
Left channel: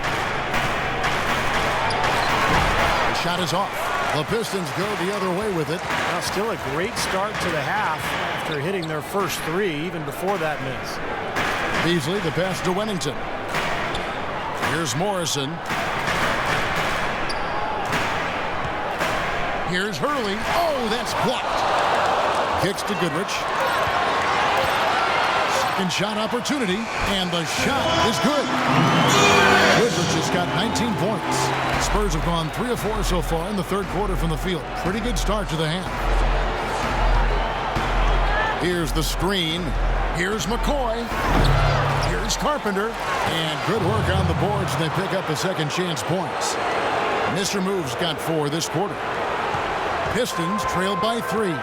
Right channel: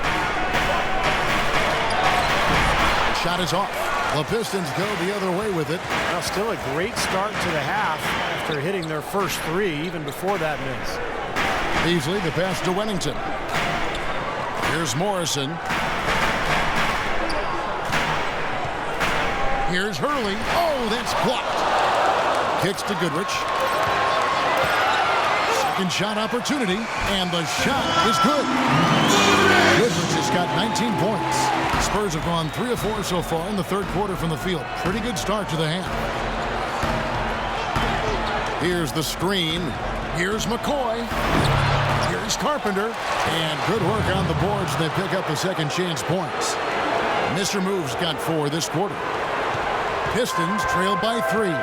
The shot is off. The Pistons go the other way with it. Now, still a great start to the half after hitting their first 3, even before that miss. Beasley, the pass to Wennington. Here's Morrison. Here's Hurley. Oh, that's blocked. Kicks to Goodrich. Second shot opportunity, and the shot is good. Goodrich has got 19 points. Spurs have gone 3 of 4 so far in the third quarter from the field. Pretty good start to the half. Here's the screen. Here's McCoy. Here's Carpenter. And good work on the boards. They pick up the second chance points. Mr. Move's got 4 this quarter. Pistons trail by 3.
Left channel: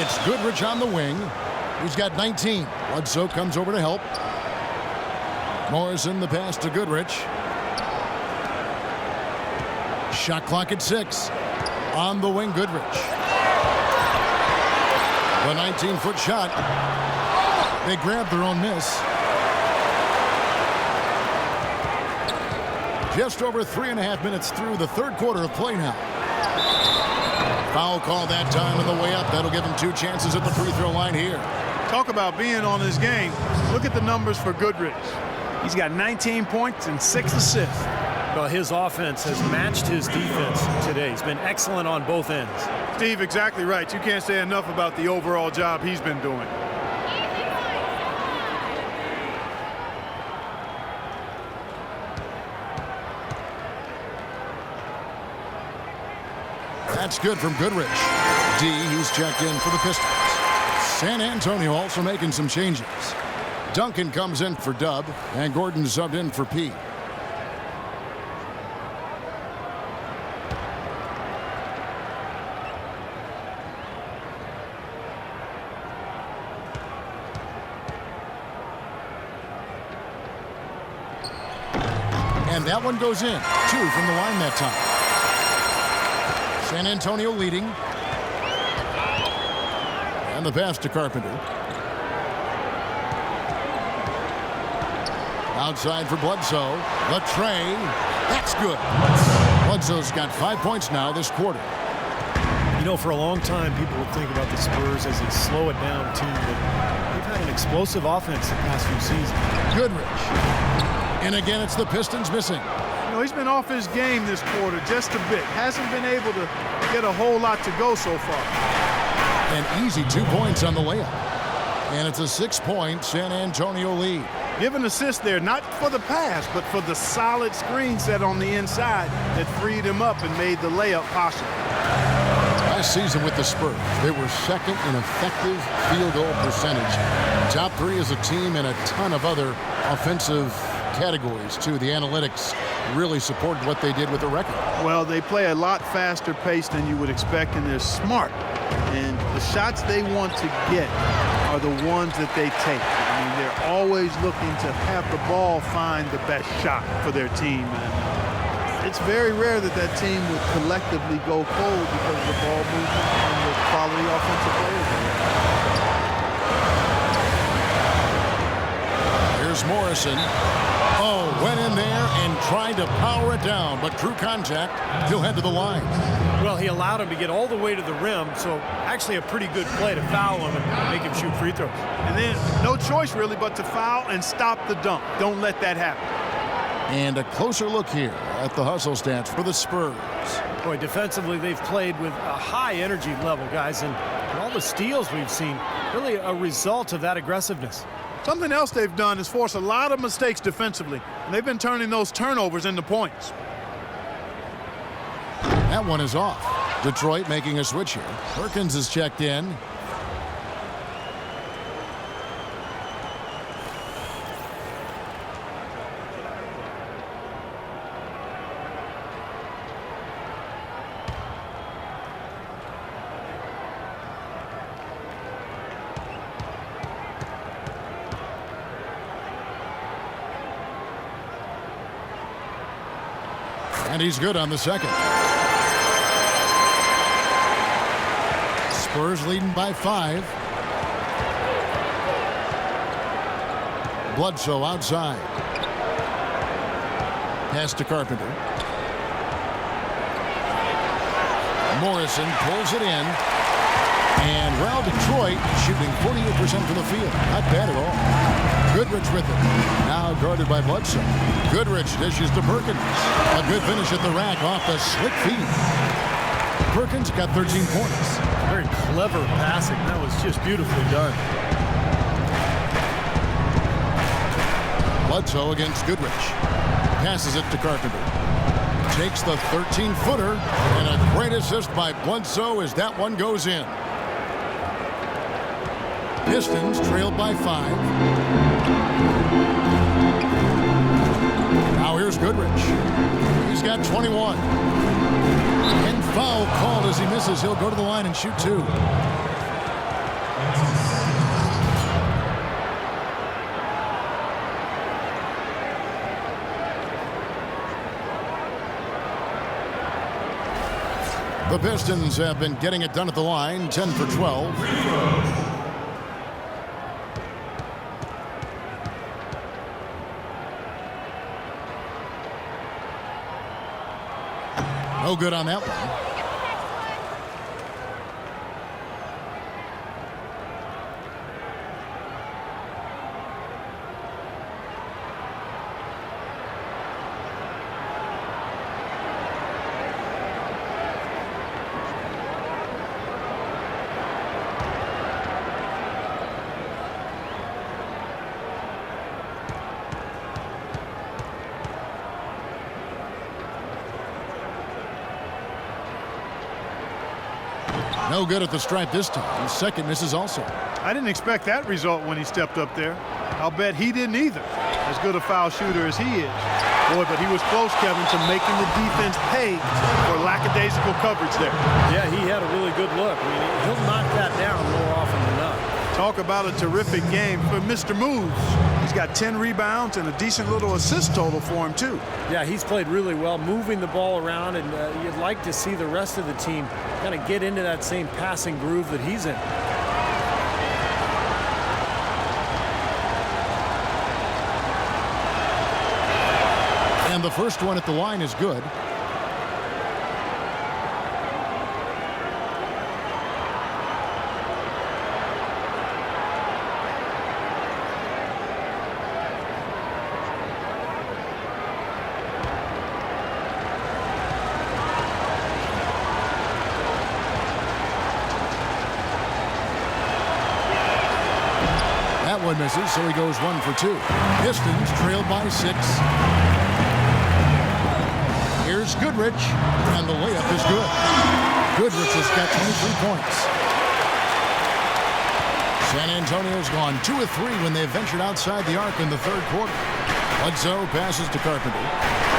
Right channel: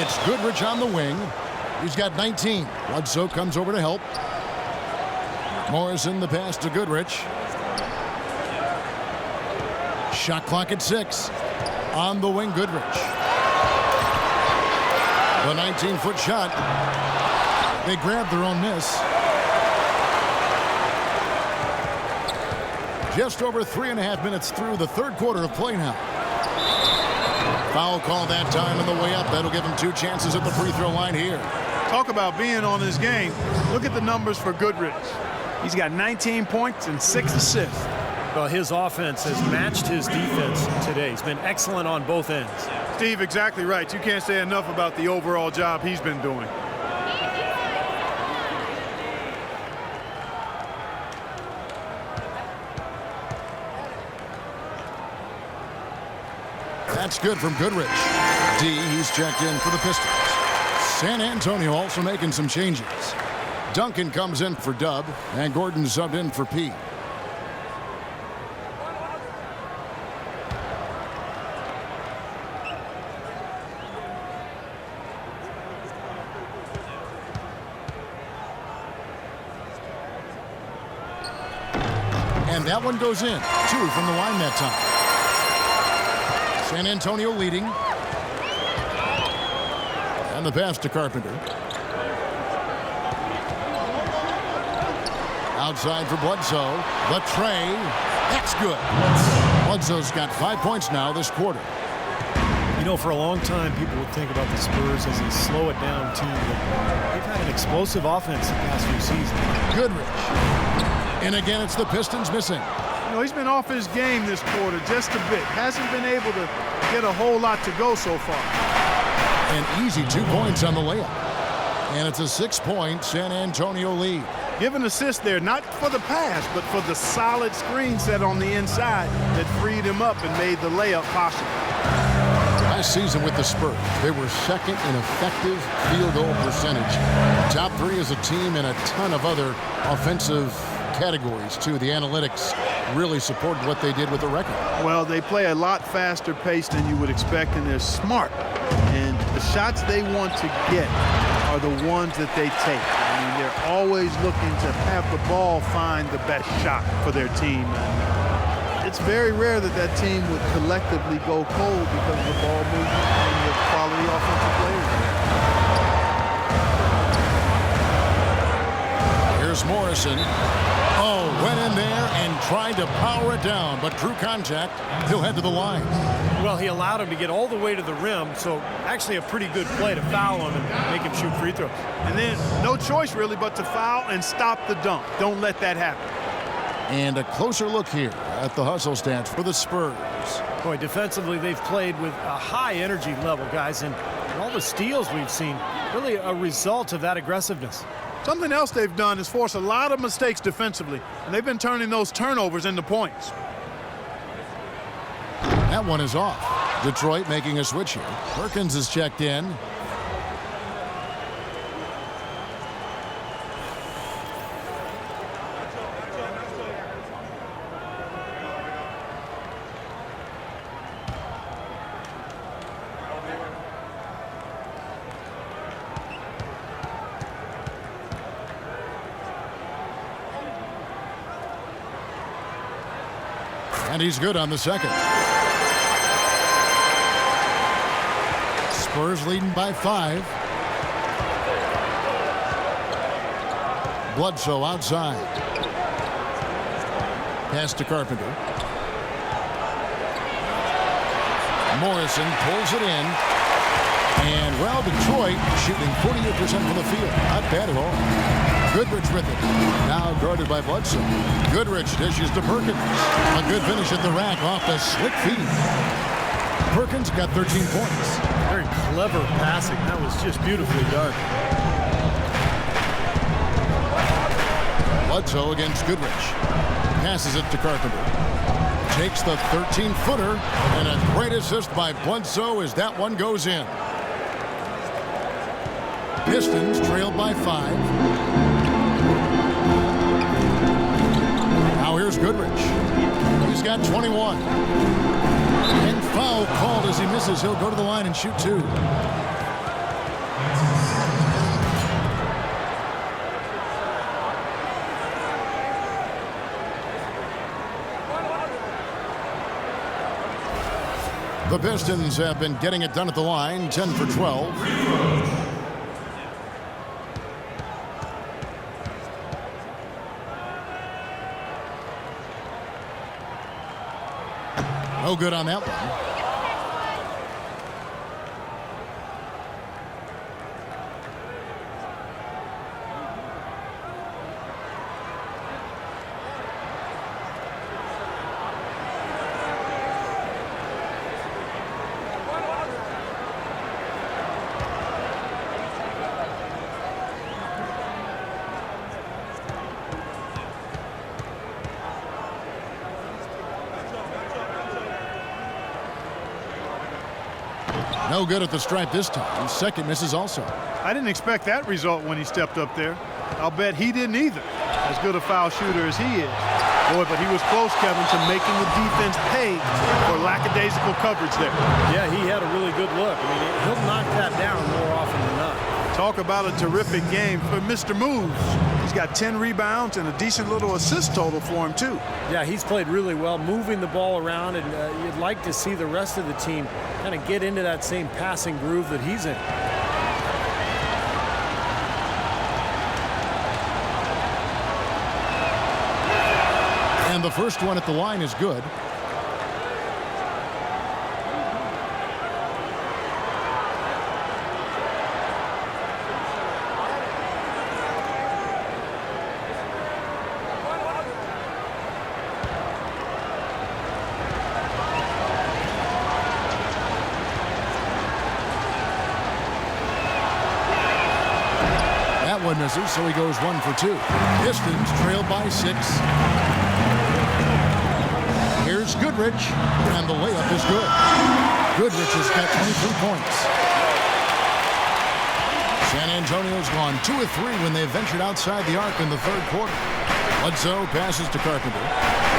It's Goodrich on the wing. He's got 19. Bledsoe comes over to help. Morrison, the pass to Goodrich. Shot clock at 6. On the wing, Goodrich. The 19-foot shot. They grab their own miss. Just over 3.5 minutes through the third quarter of play now. Foul call that time on the way up. That'll give him 2 chances at the free throw line here. Talk about being on his game. Look at the numbers for Goodrich. He's got 19 points and 6 assists. Well, his offense has matched his defense today. He's been excellent on both ends. Steve, exactly right. You can't say enough about the overall job he's been doing. That's good from Goodrich. D, he's checked in for the Pistons. San Antonio also making some changes. Duncan comes in for Dub, and Gordon subbed in for P. And that one goes in. 2 from the line that time. San Antonio leading. And the pass to Carpenter. Outside for Bledsoe. The tray. That's good. Bledsoe's got 5 points now this quarter. For a long time, people would think about the Spurs as a slow-it-down team, but they've had an explosive offense the past few seasons. Goodrich. And again, it's the Pistons missing. He's been off his game this quarter just a bit. Hasn't been able to get a whole lot to go so far. An easy 2 points on the layup. And it's a 6-point San Antonio lead. Give an assist there, not for the pass, but for the solid screen set on the inside that freed him up and made the layup possible. Last season with the Spurs, they were second in effective field goal percentage. Top 3 as a team and a ton of other offensive categories, too. The analytics really supported what they did with the record. Well, they play a lot faster pace than you would expect, and they're smart. And the shots they want to get are the ones that they take. They're always looking to have the ball find the best shot for their team. And it's very rare that that team would collectively go cold because of the ball movement and the quality offensive players they have. Here's Morrison. Oh, went in there and tried to power it down, but through contact, he'll head to the line. Well, he allowed him to get all the way to the rim, so actually a pretty good play to foul him and make him shoot free throws. And then no choice really but to foul and stop the dunk. Don't let that happen. And a closer look here at the hustle stats for the Spurs. Boy, defensively, they've played with a high energy level, guys, and all the steals we've seen, really a result of that aggressiveness. Something else they've done is force a lot of mistakes defensively, and they've been turning those turnovers into points. That one is off. Detroit making a switch here. Perkins is checked in. And he's good on the second. Spurs leading by 5. Bledsoe outside. Pass to Carpenter. Morrison pulls it in. And, well, Detroit shooting 48% from the field. Not bad at all. Goodrich with it. Now guarded by Bledsoe. Goodrich dishes to Perkins. A good finish at the rack off the slick feed. Perkins got 13 points. Very clever passing. That was just beautifully done. Bledsoe against Goodrich. Passes it to Carpenter. Takes the 13-footer. And a great assist by Bledsoe as that one goes in. Pistons trailed by 5. Now here's Goodrich. He's got 21. And foul called as he misses. He'll go to the line and shoot 2. The Pistons have been getting it done at the line, 10 for 12. No good on that one. No good at the stripe this time. Second misses also. I didn't expect that result when he stepped up there. I'll bet he didn't either, as good a foul shooter as he is. Boy, but he was close, Kevin, to making the defense pay for lackadaisical coverage there. Yeah, he had a really good look. I mean, he'll knock that down more often than not. Talk about a terrific game for Mr. Moves. He's got 10 rebounds and a decent little assist total for him, too. Yeah, he's played really well, moving the ball around, and you'd like to see the rest of the team kind of get into that same passing groove that he's in. And the first one at the line is good. That one misses, so he goes 1 for 2. Pistons trailed by 6. Here's Goodrich, and the layup is good. Goodrich has got 23 points. San Antonio's gone 2 of 3 when they ventured outside the arc in the third quarter. Bledsoe passes to Carpenter.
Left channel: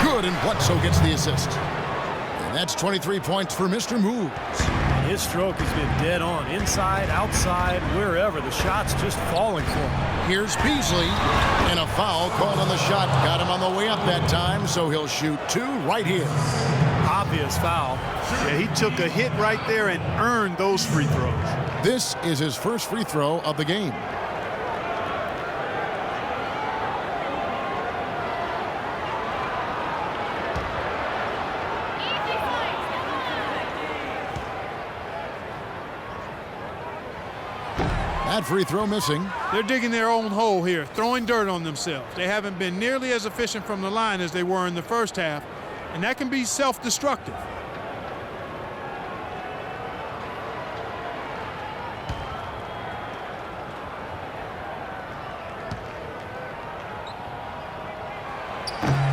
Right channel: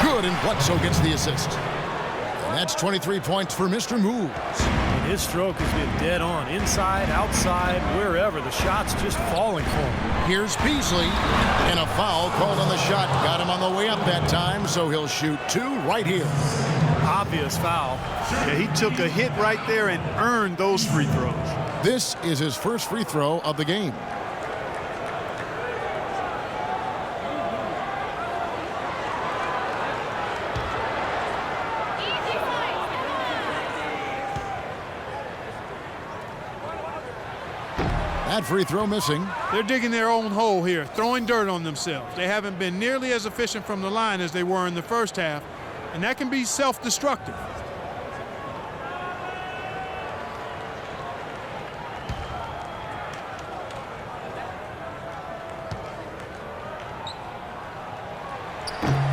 Good, and Bledsoe gets the assist. And that's 23 points for Mr. Moves. And his stroke has been dead on, inside, outside, wherever. The shot's just falling for him. Here's Beasley, and a foul called on the shot. Got him on the way up that time, so he'll shoot 2 right here. Obvious foul. Yeah, he took a hit right there and earned those free throws. This is his first free throw of the game. That free throw missing. They're digging their own hole here, throwing dirt on themselves. They haven't been nearly as efficient from the line as they were in the first half, and that can be self-destructive.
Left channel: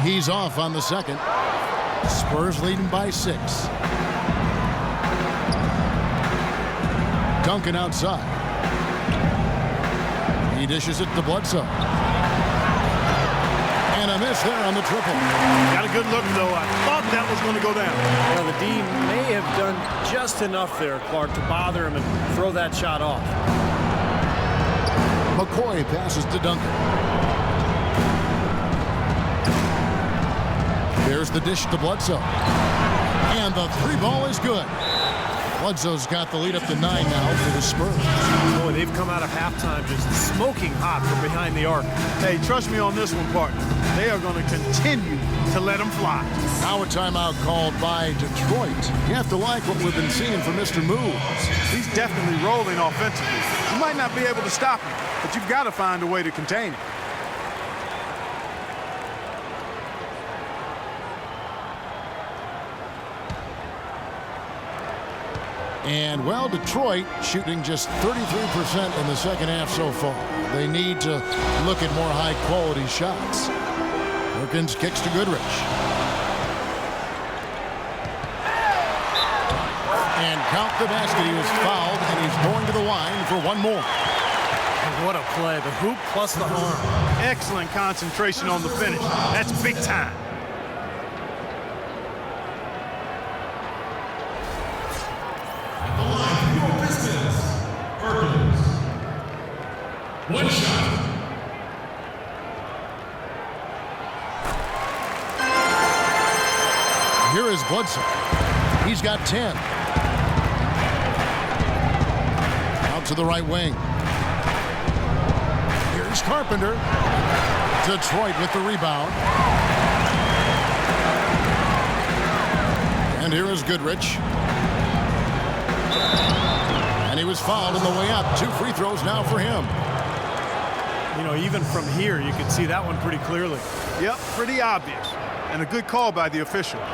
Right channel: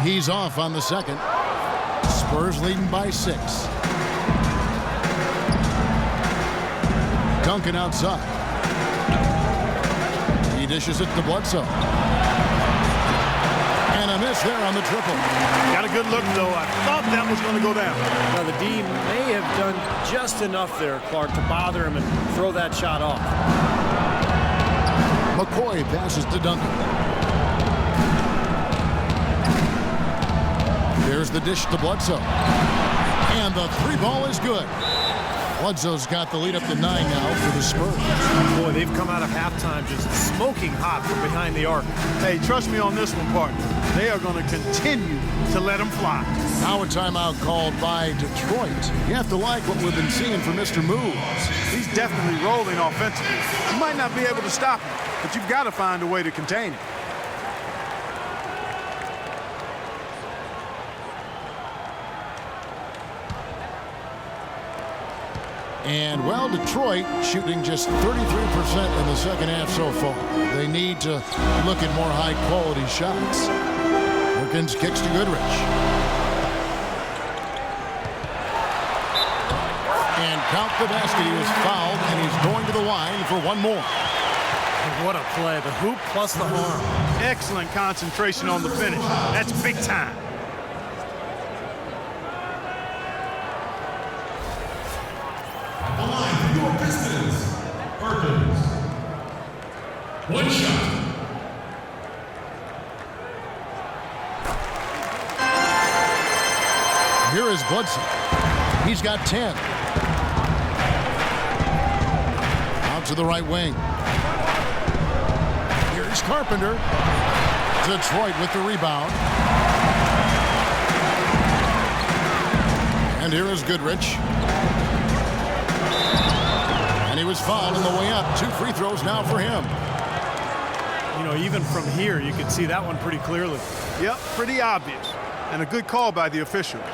He's off on the second. Spurs leading by 6. Duncan outside. He dishes it to Bledsoe. And a miss there on the triple. Got a good look, though. I thought that was going to go down. Now, the D may have done just enough there, Clark, to bother him and throw that shot off. McCoy passes to Duncan. There's the dish to Bledsoe. And the three ball is good. Bledsoe's got the lead up to 9 now for the Spurs. Boy, they've come out of halftime just smoking hot from behind the arc. Hey, trust me on this one, partner. They are going to continue to let them fly. Now a timeout called by Detroit. You have to like what we've been seeing from Mr. Moves. He's definitely rolling offensively. You might not be able to stop him, but you've got to find a way to contain him. And, well, Detroit shooting just 33% in the second half so far. They need to look at more high-quality shots. Perkins kicks to Goodrich. And count the basket. He was fouled, and he's going to the line for one more. What a play. The hoop plus the arm. Excellent concentration on the finish. That's big time. Your Pistons, Perkins. One shot. Here is Bledsoe. He's got 10. Out to the right wing. Here's Carpenter. Detroit with the rebound. And here is Goodrich. And he was fouled on the way up. 2 free throws now for him. You know, even from here, you can see that one pretty clearly. Yep, pretty obvious. And a good call by the officials.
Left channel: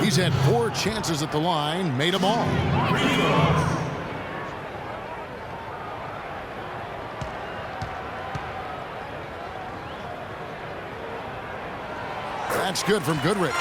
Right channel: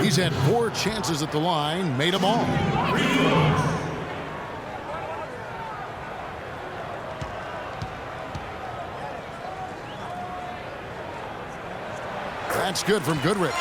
He's had 4 chances at the line, made them all. That's good from Goodrich.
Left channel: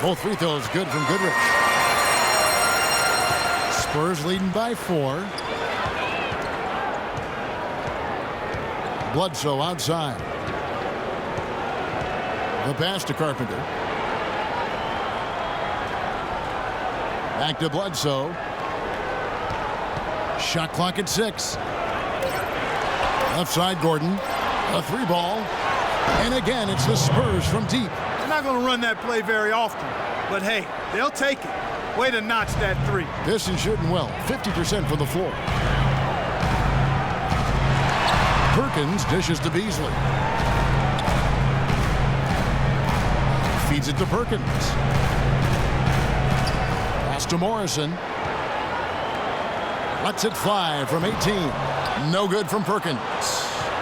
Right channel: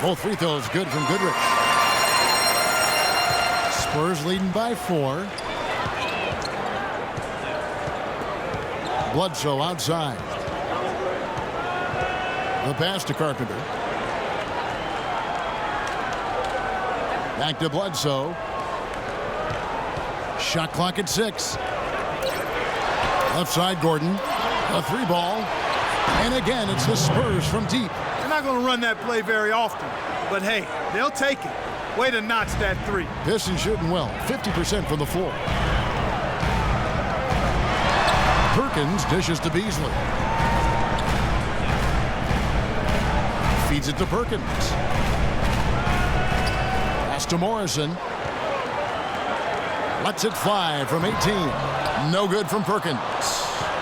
Both free throws good from Goodrich. Spurs leading by 4. Bledsoe outside. The pass to Carpenter. Back to Bledsoe. Shot clock at 6. Left side, Gordon. A 3 ball. And again, it's the Spurs from deep. They're not going to run that play very often, but hey, they'll take it. Way to notch that 3. Pistons shooting well, 50% from the floor. Perkins dishes to Beasley. Feeds it to Perkins. Pass to Morrison. Lets it fly from 18. No good from Perkins.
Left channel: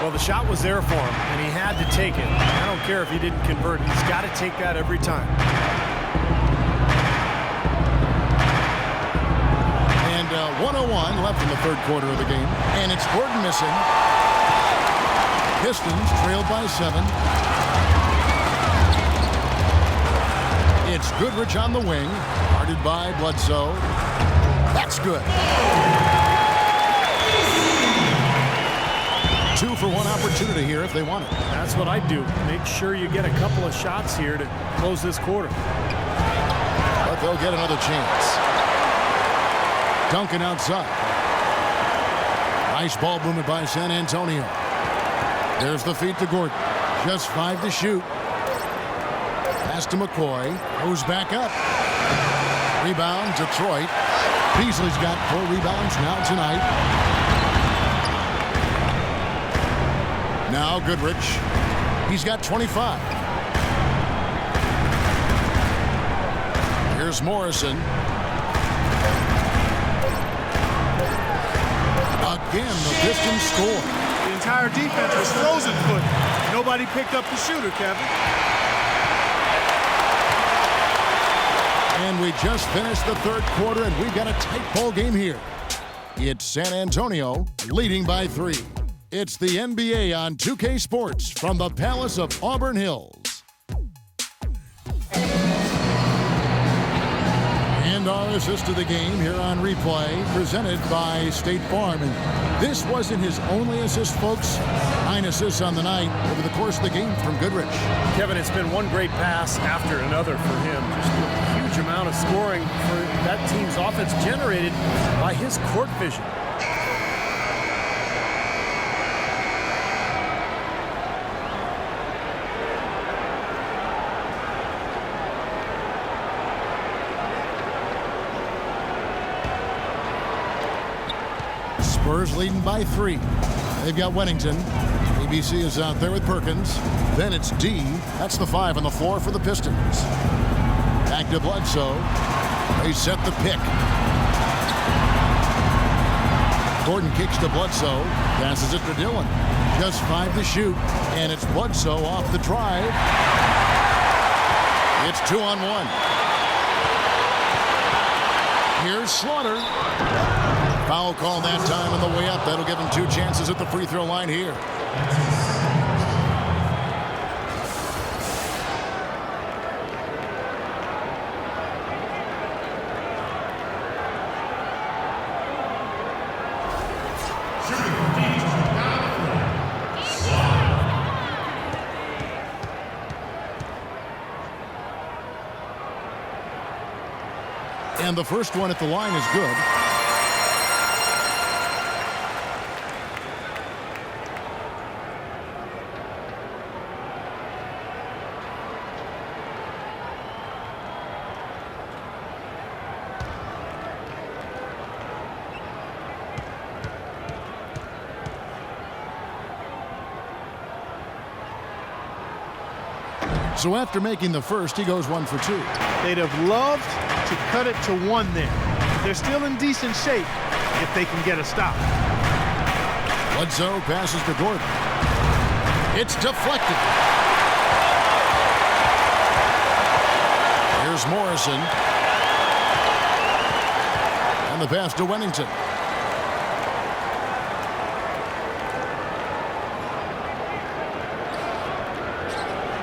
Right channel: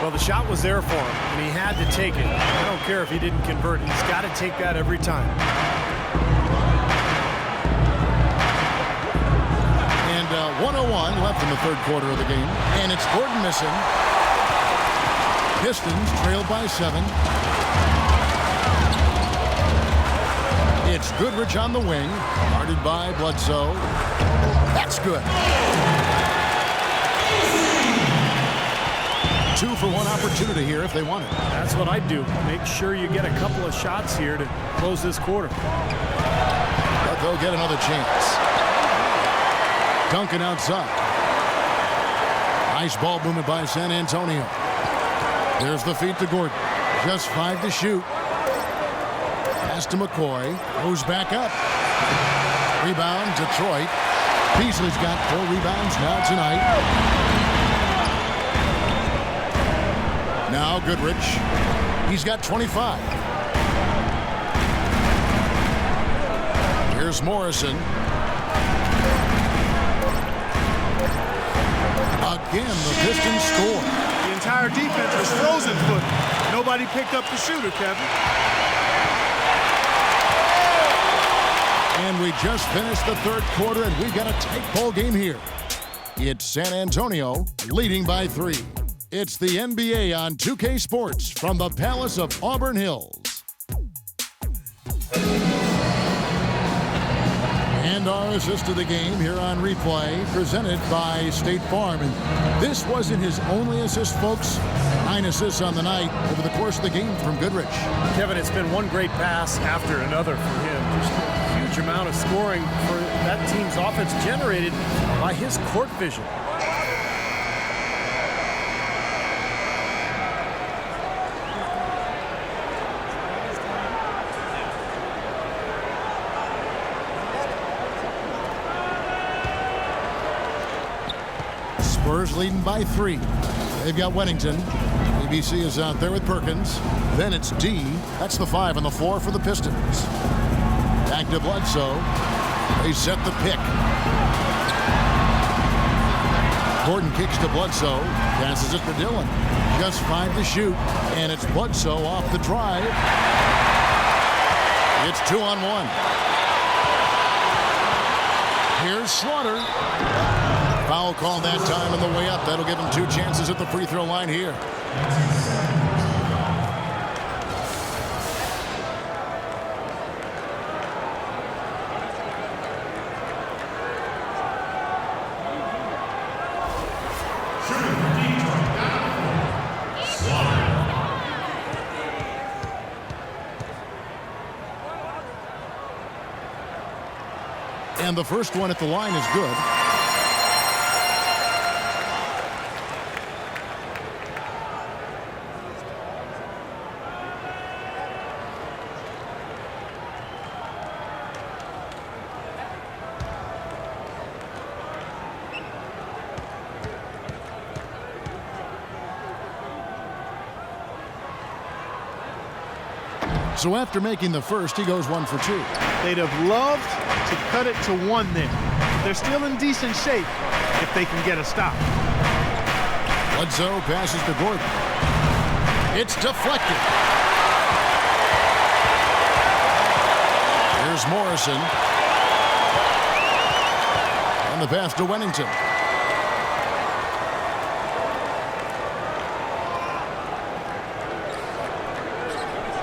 Well, the shot was there for him, and he had to take it. I don't care if he didn't convert. He's got to take that every time. And 1:01 left in the third quarter of the game. And it's Gordon missing. Pistons trailed by 7. It's Goodrich on the wing. Guarded by Bledsoe. That's good. 2 for 1 opportunity here if they want it. That's what I'd do. Make sure you get a couple of shots here to close this quarter. But they'll get another chance. Duncan outside. Nice ball movement by San Antonio. There's the feed to Gordon. Just 5 to shoot. Pass to McCoy. Goes back up. Rebound, Detroit. Beasley's got 4 rebounds now tonight. Now Goodrich. He's got 25. Here's Morrison. Again, the Pistons score. The entire defense was frozen foot. Nobody picked up the shooter, Kevin. And we just finished the third quarter, and we've got a tight ball game here. It's San Antonio leading by 3. It's the NBA on 2K Sports from the Palace of Auburn Hills. And our assist of the game here on replay, presented by State Farm. And this wasn't his only assist, folks. 9 assists on the night over the course of the game from Goodrich. Kevin, it's been one great pass after another for him. Just a huge amount of scoring for that team's offense generated by his court vision. Spurs leading by 3. They've got Wennington. ABC is out there with Perkins. Then it's D. That's the 5 on the floor for the Pistons. Back to Bledsoe. They set the pick. Gordon kicks to Bledsoe. Passes it to Dillon. Just 5 to shoot. And it's Bledsoe off the drive. It's 2-on-1. Here's Slaughter. Foul call that time on the way up. That'll give him 2 chances at the free throw line here. And the first one at the line is good. So after making the first, he goes 1 for 2. They'd have loved to cut it to 1 there. But they're still in decent shape if they can get a stop. Bledsoe passes to Gordon. It's deflected. Here's Morrison. And the pass to Wennington.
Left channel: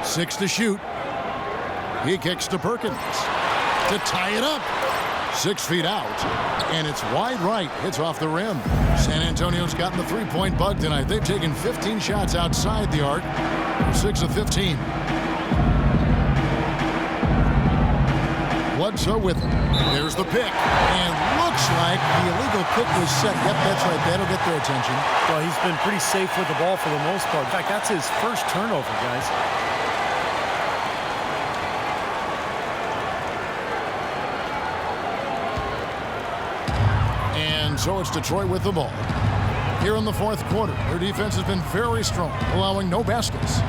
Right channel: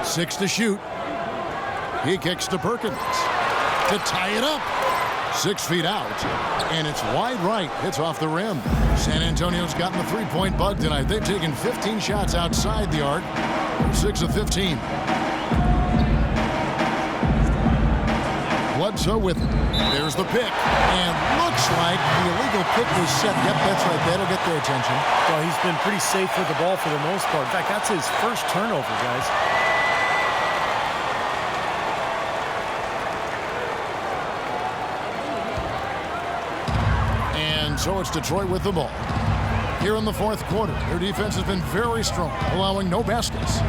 Six to shoot. He kicks to Perkins to tie it up. 6 feet out, and it's wide right. Hits off the rim. San Antonio's gotten the three-point bug tonight. They've taken 15 shots outside the arc. They're 6 of 15. Bledsoe with it. There's the pick, and looks like the illegal pick was set. Yep, that's right. That'll get their attention. Well, he's been pretty safe with the ball for the most part. In fact, that's his first turnover, guys. And so it's Detroit with the ball. Here in the fourth quarter, their defense has been very strong, allowing no baskets.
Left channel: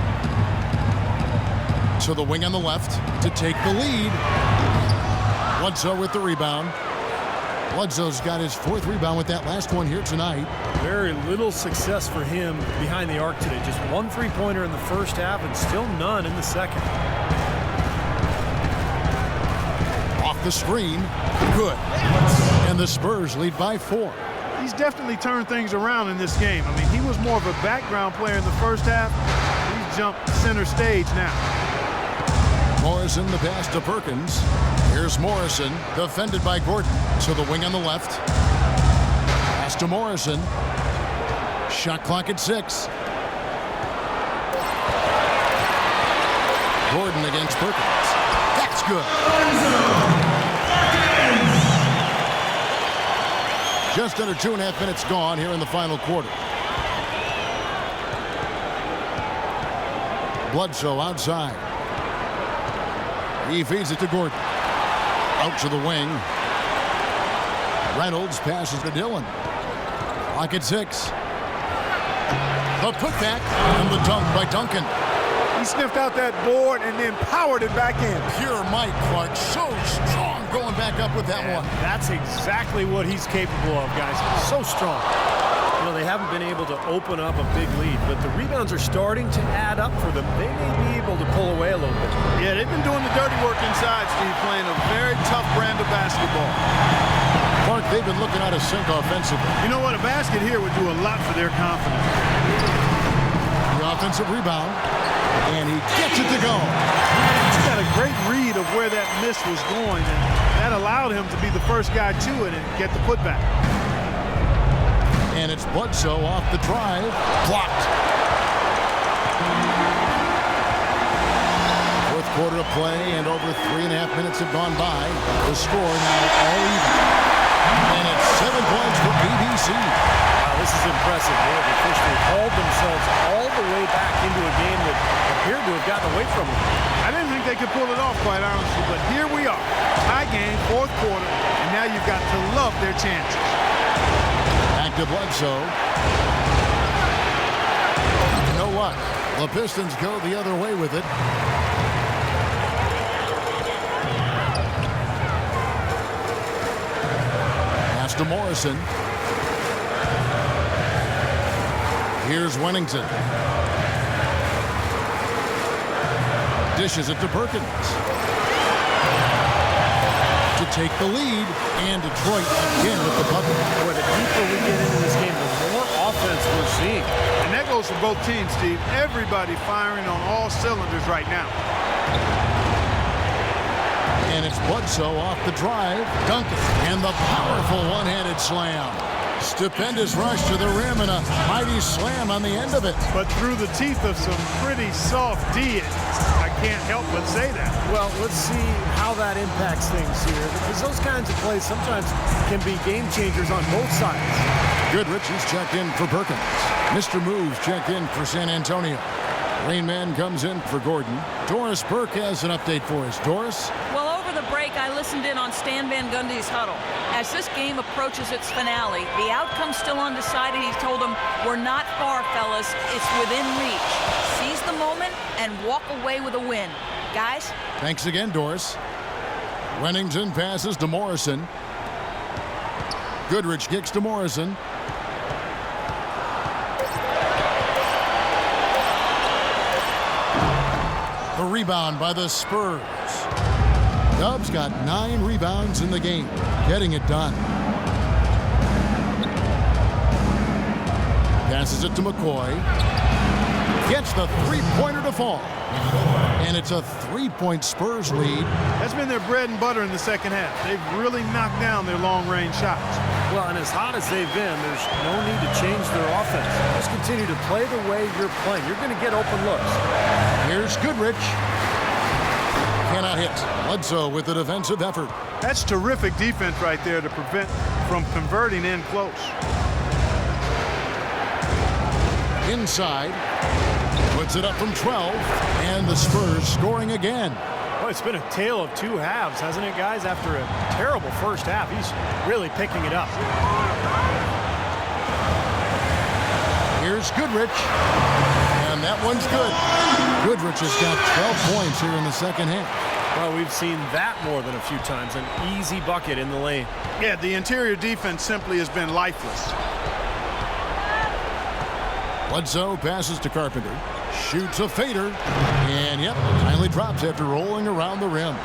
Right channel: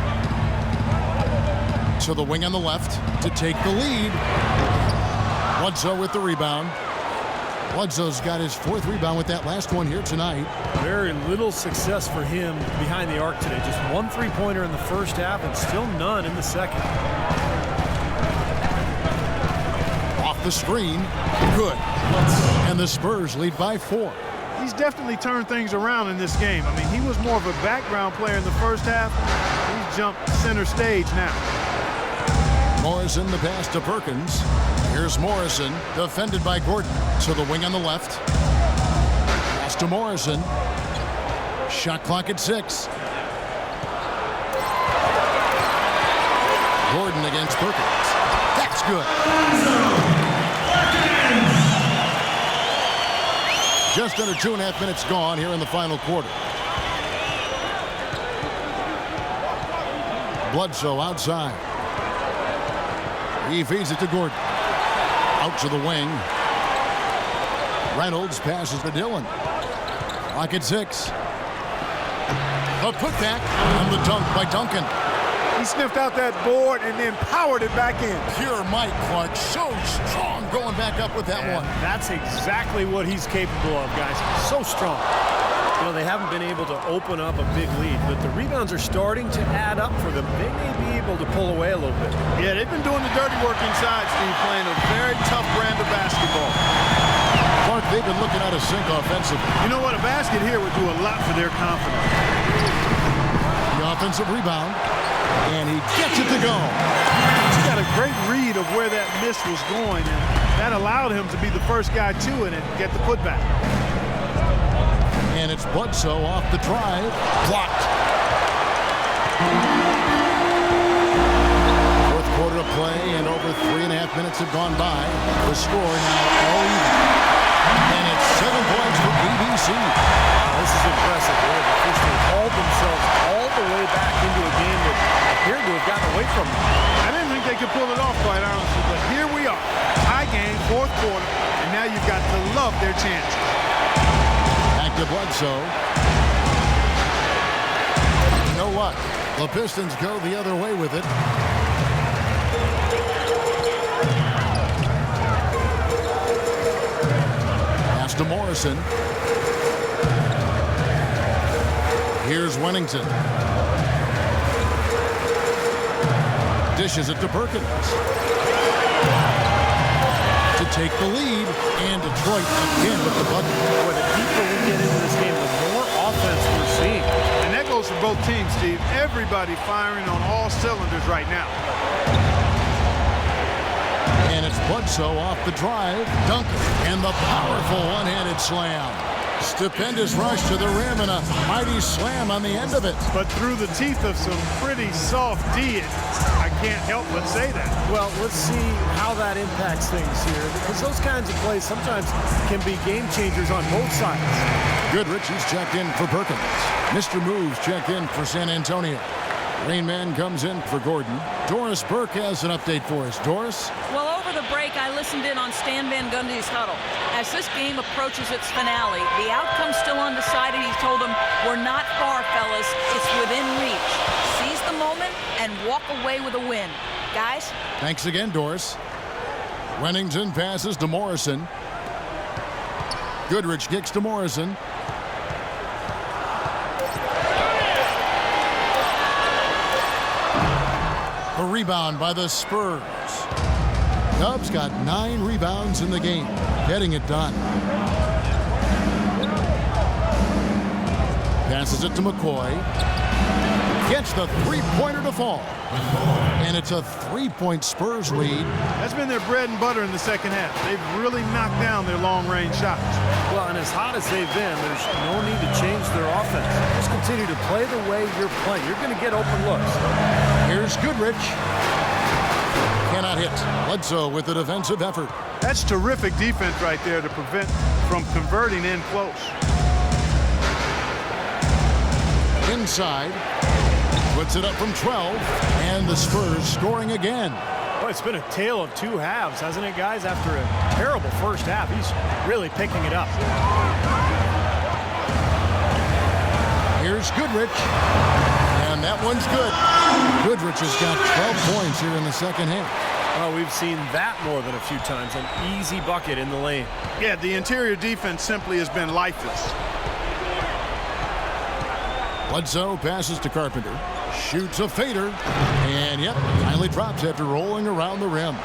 To the wing on the left to take the lead. Bledsoe with the rebound. Bledsoe's got his 4th rebound with that last one here tonight. Very little success for him behind the arc today. Just 1 3-pointer in the first half and still none in the second. Off the screen. Good. And the Spurs lead by 4. He's definitely turned things around in this game. I mean, he was more of a background player in the first half. He's jumped center stage now. Morrison, the pass to Perkins. Here's Morrison, defended by Gordon. To the wing on the left. Pass to Morrison. Shot clock at 6. Gordon against Perkins. That's good. Just under 2.5 minutes gone here in the final quarter. Bledsoe outside. He feeds it to Gordon. Out to the wing. Reynolds passes to Dillon. Clock at 6. The putback and the dunk by Duncan. He sniffed out that board and then powered it back in. Pure Mike Clark, so strong going back up with that one. That's exactly what he's capable of, guys. So strong. You know, they haven't been able to open up a big lead, but the rebounds are starting to add up for them. They may be able to pull away a little bit. Yeah, they've been doing the dirty work inside, Steve, playing a very tough brand of basketball. Clark, they've been looking out of sync offensively. You know what? A basket here would do a lot for their confidence. The offensive rebound. And he gets it to go. He's got a great read of where that miss was going, and that allowed him to be the first guy to it and get the putback. And it's Bledsoe off the drive. Blocked. Fourth quarter of play, and over 3.5 minutes have gone by. The score now all even. And it's 7 points for ABC. Wow, this is impressive. They have officially hauled themselves all the way back into a game that appeared to have gotten away from them. I didn't think they could pull it off, quite honestly, but here we are. Tie game, fourth quarter, and now you've got to love their chances. Back to Bledsoe. No luck. The Pistons go the other way with it. Pass to Morrison. Here's Wennington. Dishes it to Perkins. To take the lead, and Detroit again with the bucket. Boy, the deeper we get into this game, the more offense we're seeing. And that goes for both teams, Steve. Everybody firing on all cylinders right now. And it's Bledsoe off the drive. Duncan, and the powerful one-handed slam. Stupendous rush to the rim and a mighty slam on the end of it. But through the teeth of some pretty soft D, I can't help but say that. Well, let's see how that impacts things here, because those kinds of plays sometimes can be game changers on both sides. Goodrich is checked in for Perkins. Mr. Moves checked in for San Antonio. Rain Man comes in for Gordon. Doris Burke has an update for us. Doris? Well, over the break, I listened in on Stan Van Gundy's huddle. As this game approaches its finale, the outcome's still undecided. He told them, we're not far, fellas. It's within reach. Seize the moment and walk away with a win. Guys? Thanks again, Doris. Wennington passes to Morrison. Goodrich kicks to Morrison. The rebound by the Spurs. Dubs got 9 rebounds in the game, getting it done. Passes it to McCoy. Gets the three-pointer to fall. And it's a 3-point Spurs lead. That's been their bread and butter in the second half. They've really knocked down their long-range shots. Well, and as hot as they've been, there's no need to change their offense. Just continue to play the way you're playing. You're going to get open looks. Here's Goodrich. Cannot hit. Bledsoe with the defensive effort. That's terrific defense right there to prevent from converting in close. Inside. Puts it up from 12. And the Spurs scoring again. Well, it's been a tale of two halves, hasn't it, guys? After a terrible first half, he's really picking it up. Here's Goodrich. And that one's good. Goodrich has got 12 points here in the second half. Well, we've seen that more than a few times. An easy bucket in the lane. Yeah, the interior defense simply has been lifeless. Bledsoe passes to Carpenter. Shoots a fader. And, yep, finally drops after rolling around the rim.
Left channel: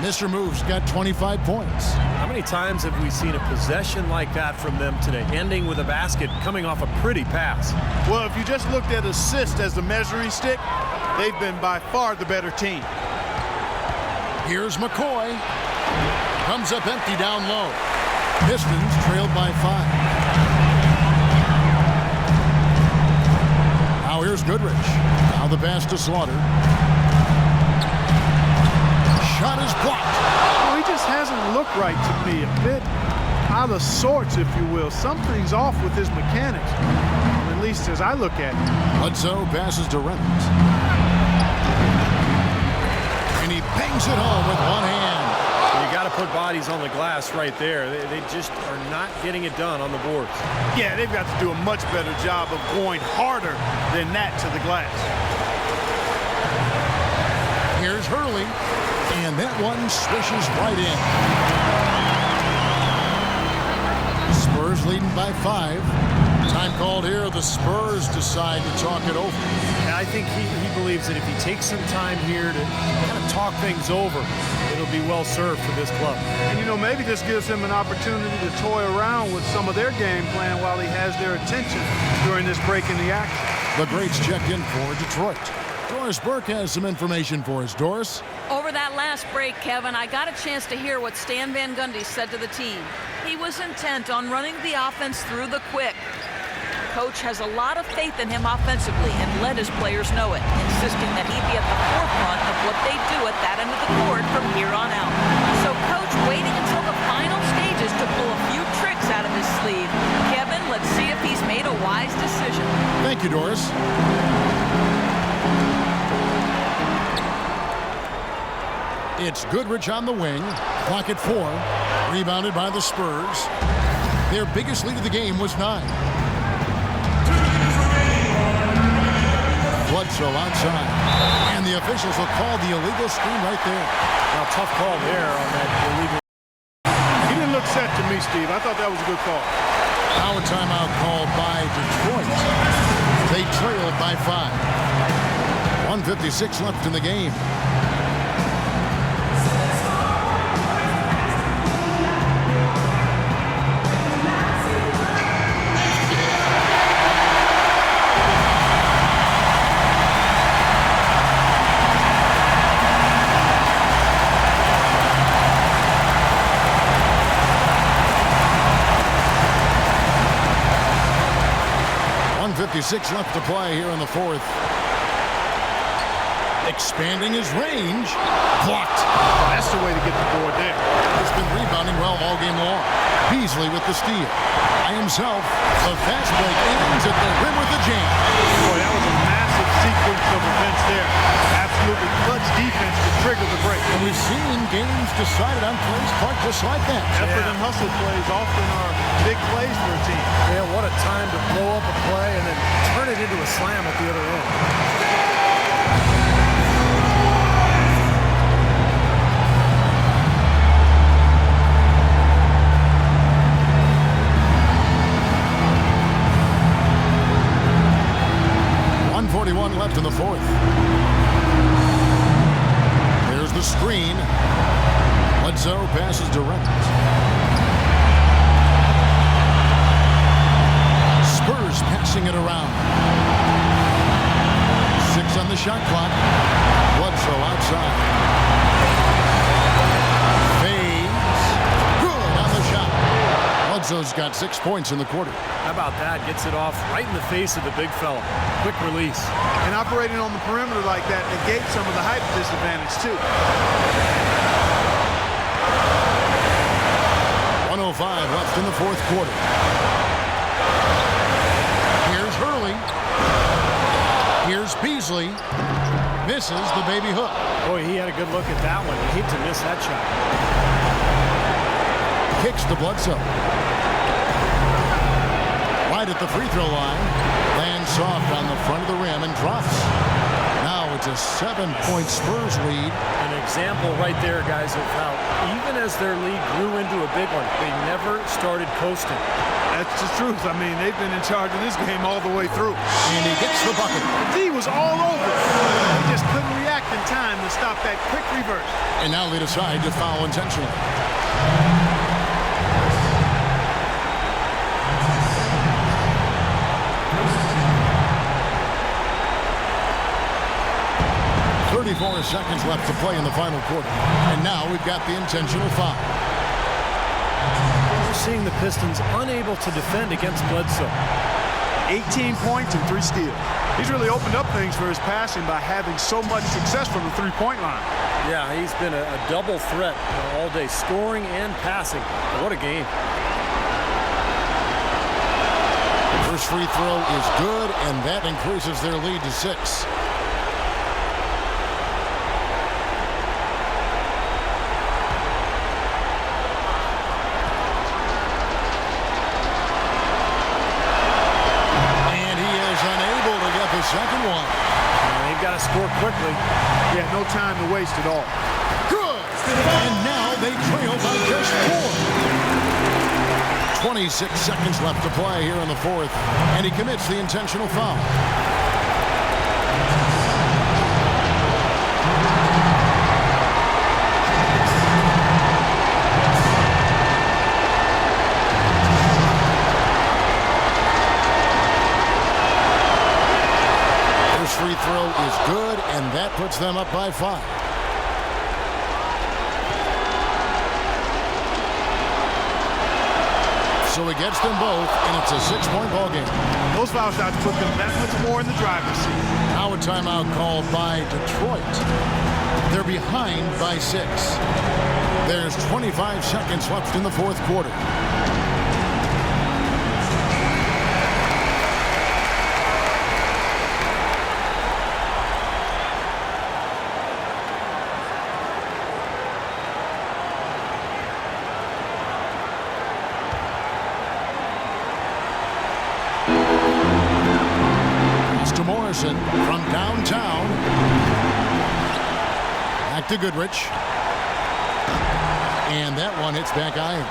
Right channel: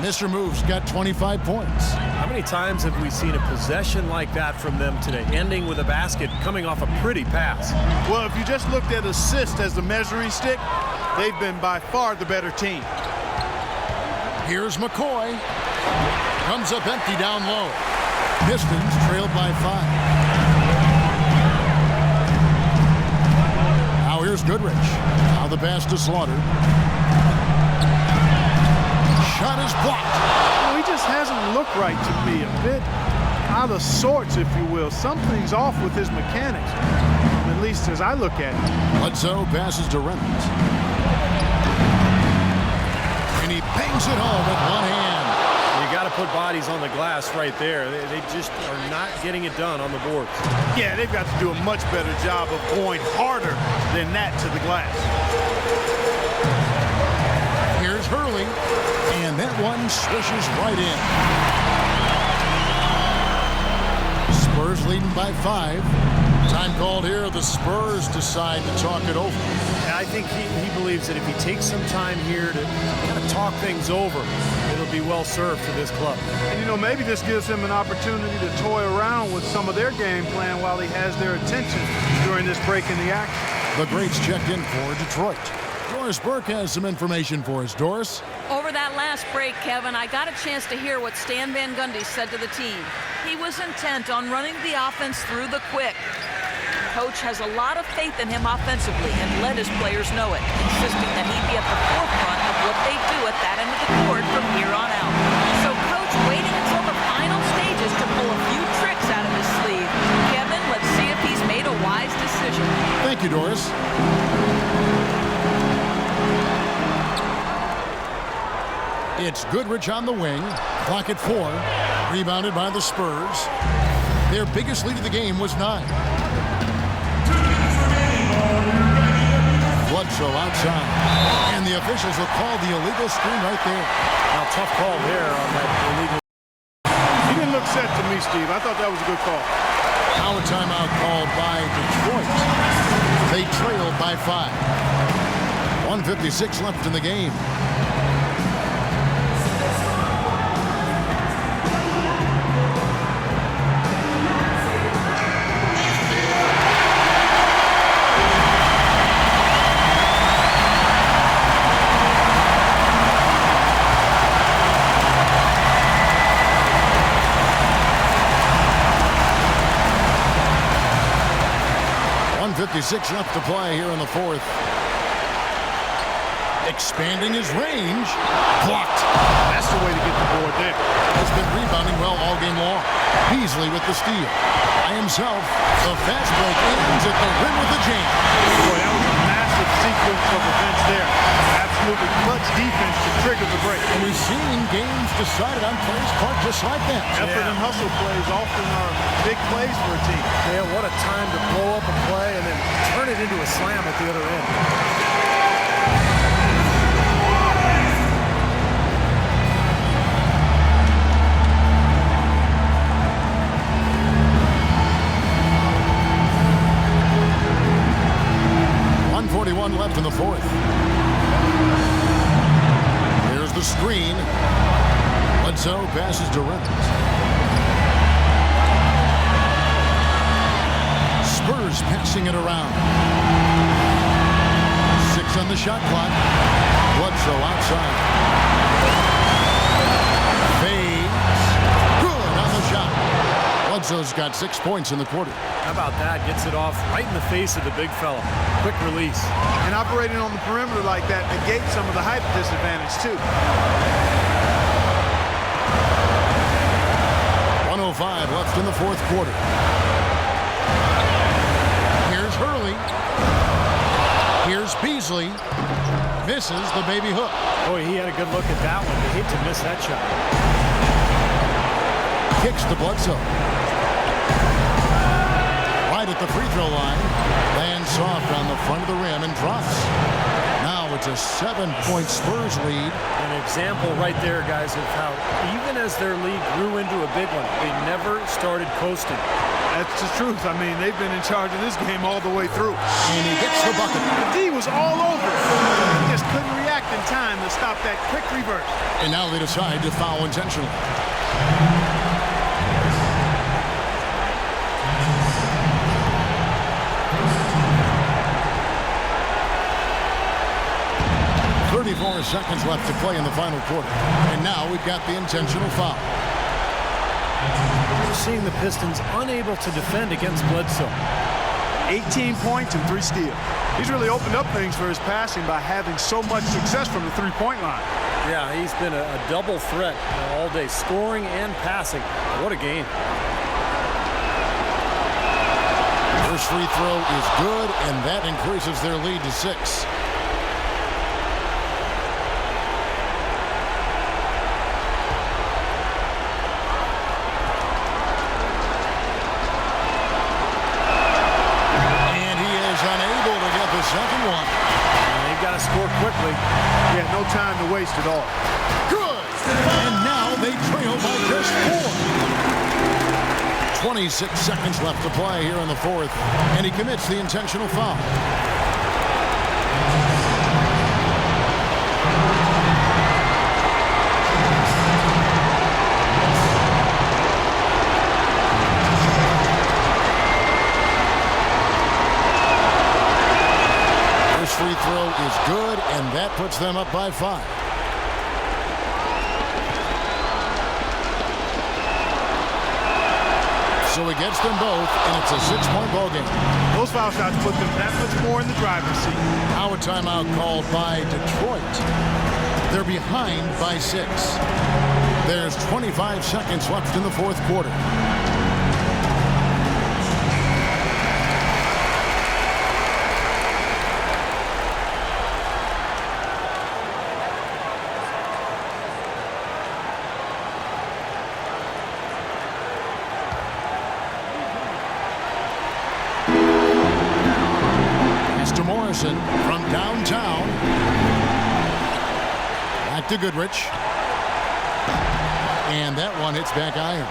Mr. Moves got 25 points. How many times have we seen a possession like that from them today, ending with a basket coming off a pretty pass? Well, if you just looked at assists as the measuring stick, they've been by far the better team. Here's McCoy. Comes up empty down low. Pistons trailed by 5. Now here's Goodrich. Now the pass to Slaughter. Shot is blocked. Well, he just hasn't looked right to me. A bit out of sorts, if you will. Something's off with his mechanics, at least as I look at it. Bledsoe passes to Reynolds. And he bangs it home with one hand. You got to put bodies on the glass right there. They just are not getting it done on the boards. Yeah, they've got to do a much better job of going harder than that to the glass. Here's Hurley. And that one swishes right in. Spurs leading by 5. Time called here. The Spurs decide to talk it over. I think he believes that if he takes some time here to kind of talk things over, it'll be well served for this club. And, you know, maybe this gives him an opportunity to toy around with some of their game plan while he has their attention during this break in the action. The greats checked in for Detroit. Doris Burke has some information for us. Doris? Over that last break, Kevin, I got a chance to hear what Stan Van Gundy said to the team. He was intent on running the offense through the quick. Coach has a lot of faith in him offensively and let his players know it, insisting that he be at the forefront of what they do at that end of the court from here on out. So Coach waiting until the final stages to pull a few tricks out of his sleeve. Kevin, let's see if he's made a wise decision. Thank you, Doris. It's Goodrich on the wing. Clock at 4. Rebounded by the Spurs. Their biggest lead of the game was 9. Bledsoe outside. And the officials will call the illegal screen right there. Now, tough call there on that illegal. He didn't look set to me, Steve. I thought that was a good call. Now a timeout called by Detroit. They trailed by 5. 1:56 left in the game. .56 left to play here in the fourth. Expanding his range. Blocked. That's the way to get the board there. Has been rebounding well all game long. Beasley with the steal. By himself, the fast break ends at the rim with a jam. Boy, that was a massive sequence of events there. Absolutely clutch defense to trigger the break. And we've seen games decided on plays, Clark, just like that. Effort and hustle plays often are big plays for a team. Yeah, what a time to blow up a play and then turn it into a slam at the other end. .41 left in the fourth. Here's the screen. Bledsoe passes to Reynolds. Spurs passing it around. 6 on the shot clock. Bledsoe outside. Fades. Good on the shot. Bledsoe's got 6 points in the quarter. How about that? Gets it off right in the face of the big fella. Quick release. And operating on the perimeter like that negates some of the height disadvantage, too. 1:05 left in the fourth quarter. Here's Hurley. Here's Beasley. Misses the baby hook. Boy, he had a good look at that one. You hate to miss that shot. Kicks to Bledsoe. Right at the free throw line. Lands soft on the front of the rim and drops. Now it's a 7-point Spurs lead. An example right there, guys, of how even as their lead grew into a big one, they never started coasting. That's the truth. I mean, they've been in charge of this game all the way through. And he gets the bucket. The D was all over it. He just couldn't react in time to stop that quick reverse. And now they decide to foul intentionally. .34 seconds left to play in the final quarter. And now we've got the intentional foul. We're seeing the Pistons unable to defend against Bledsoe. 18 points and 3 steals. He's really opened up things for his passing by having so much success from the three-point line. Yeah, he's been a double threat all day, scoring and passing. What a game. First free throw is good, and that increases their lead to 6. Unable to get the second one. They've got to score quickly. Yeah, no time to waste at all. Good. And now they trail by just 4. 26 seconds left to play here in the fourth. And he commits the intentional foul. Free throw is good, and that puts them up by 5. So he gets them both, and it's a 6-point ball game. Those foul shots put them that much more in the driver's seat. Now a timeout called by Detroit. They're behind by 6. There's 25 seconds left in the fourth quarter. To Morrison from downtown. Back to Goodrich. And that one hits back iron.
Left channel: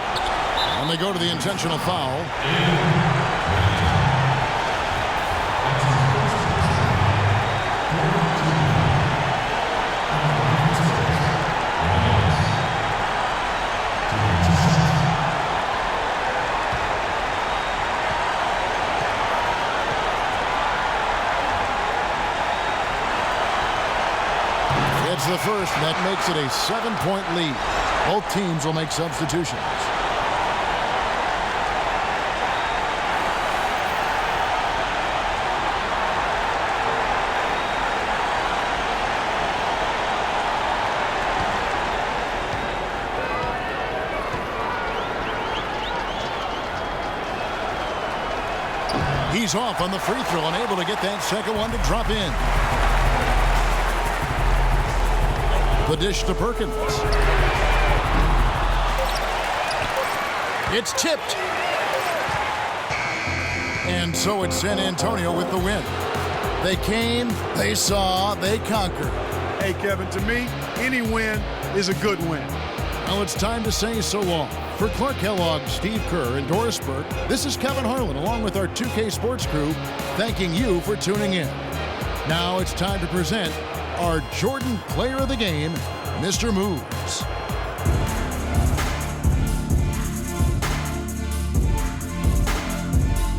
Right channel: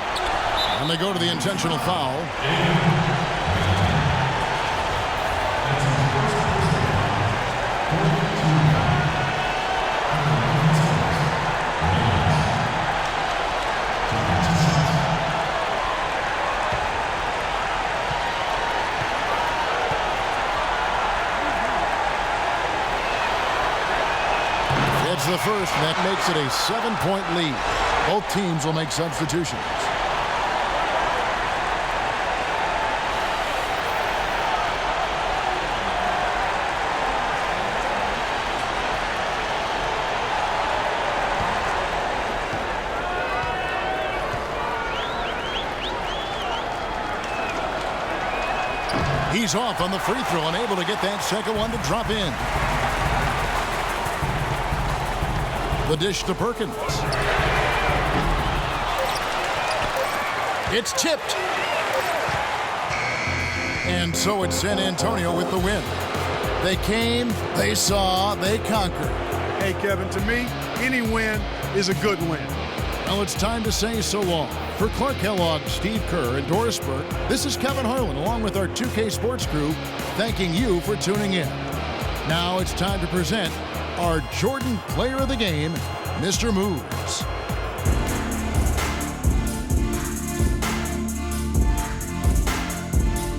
And they go to the intentional foul. It's the first, and that makes it a 7-point lead. Both teams will make substitutions. He's off on the free throw and able to get that second one to drop in. The dish to Perkins. It's tipped. And so it's San Antonio with the win. They came, they saw, they conquered. Hey, Kevin, to me, any win is a good win. Well, it's time to say so long. For Clark Kellogg, Steve Kerr, and Doris Burke, this is Kevin Harlan along with our 2K Sports crew thanking you for tuning in. Now it's time to present our Jordan Player of the Game, Mr. Moves.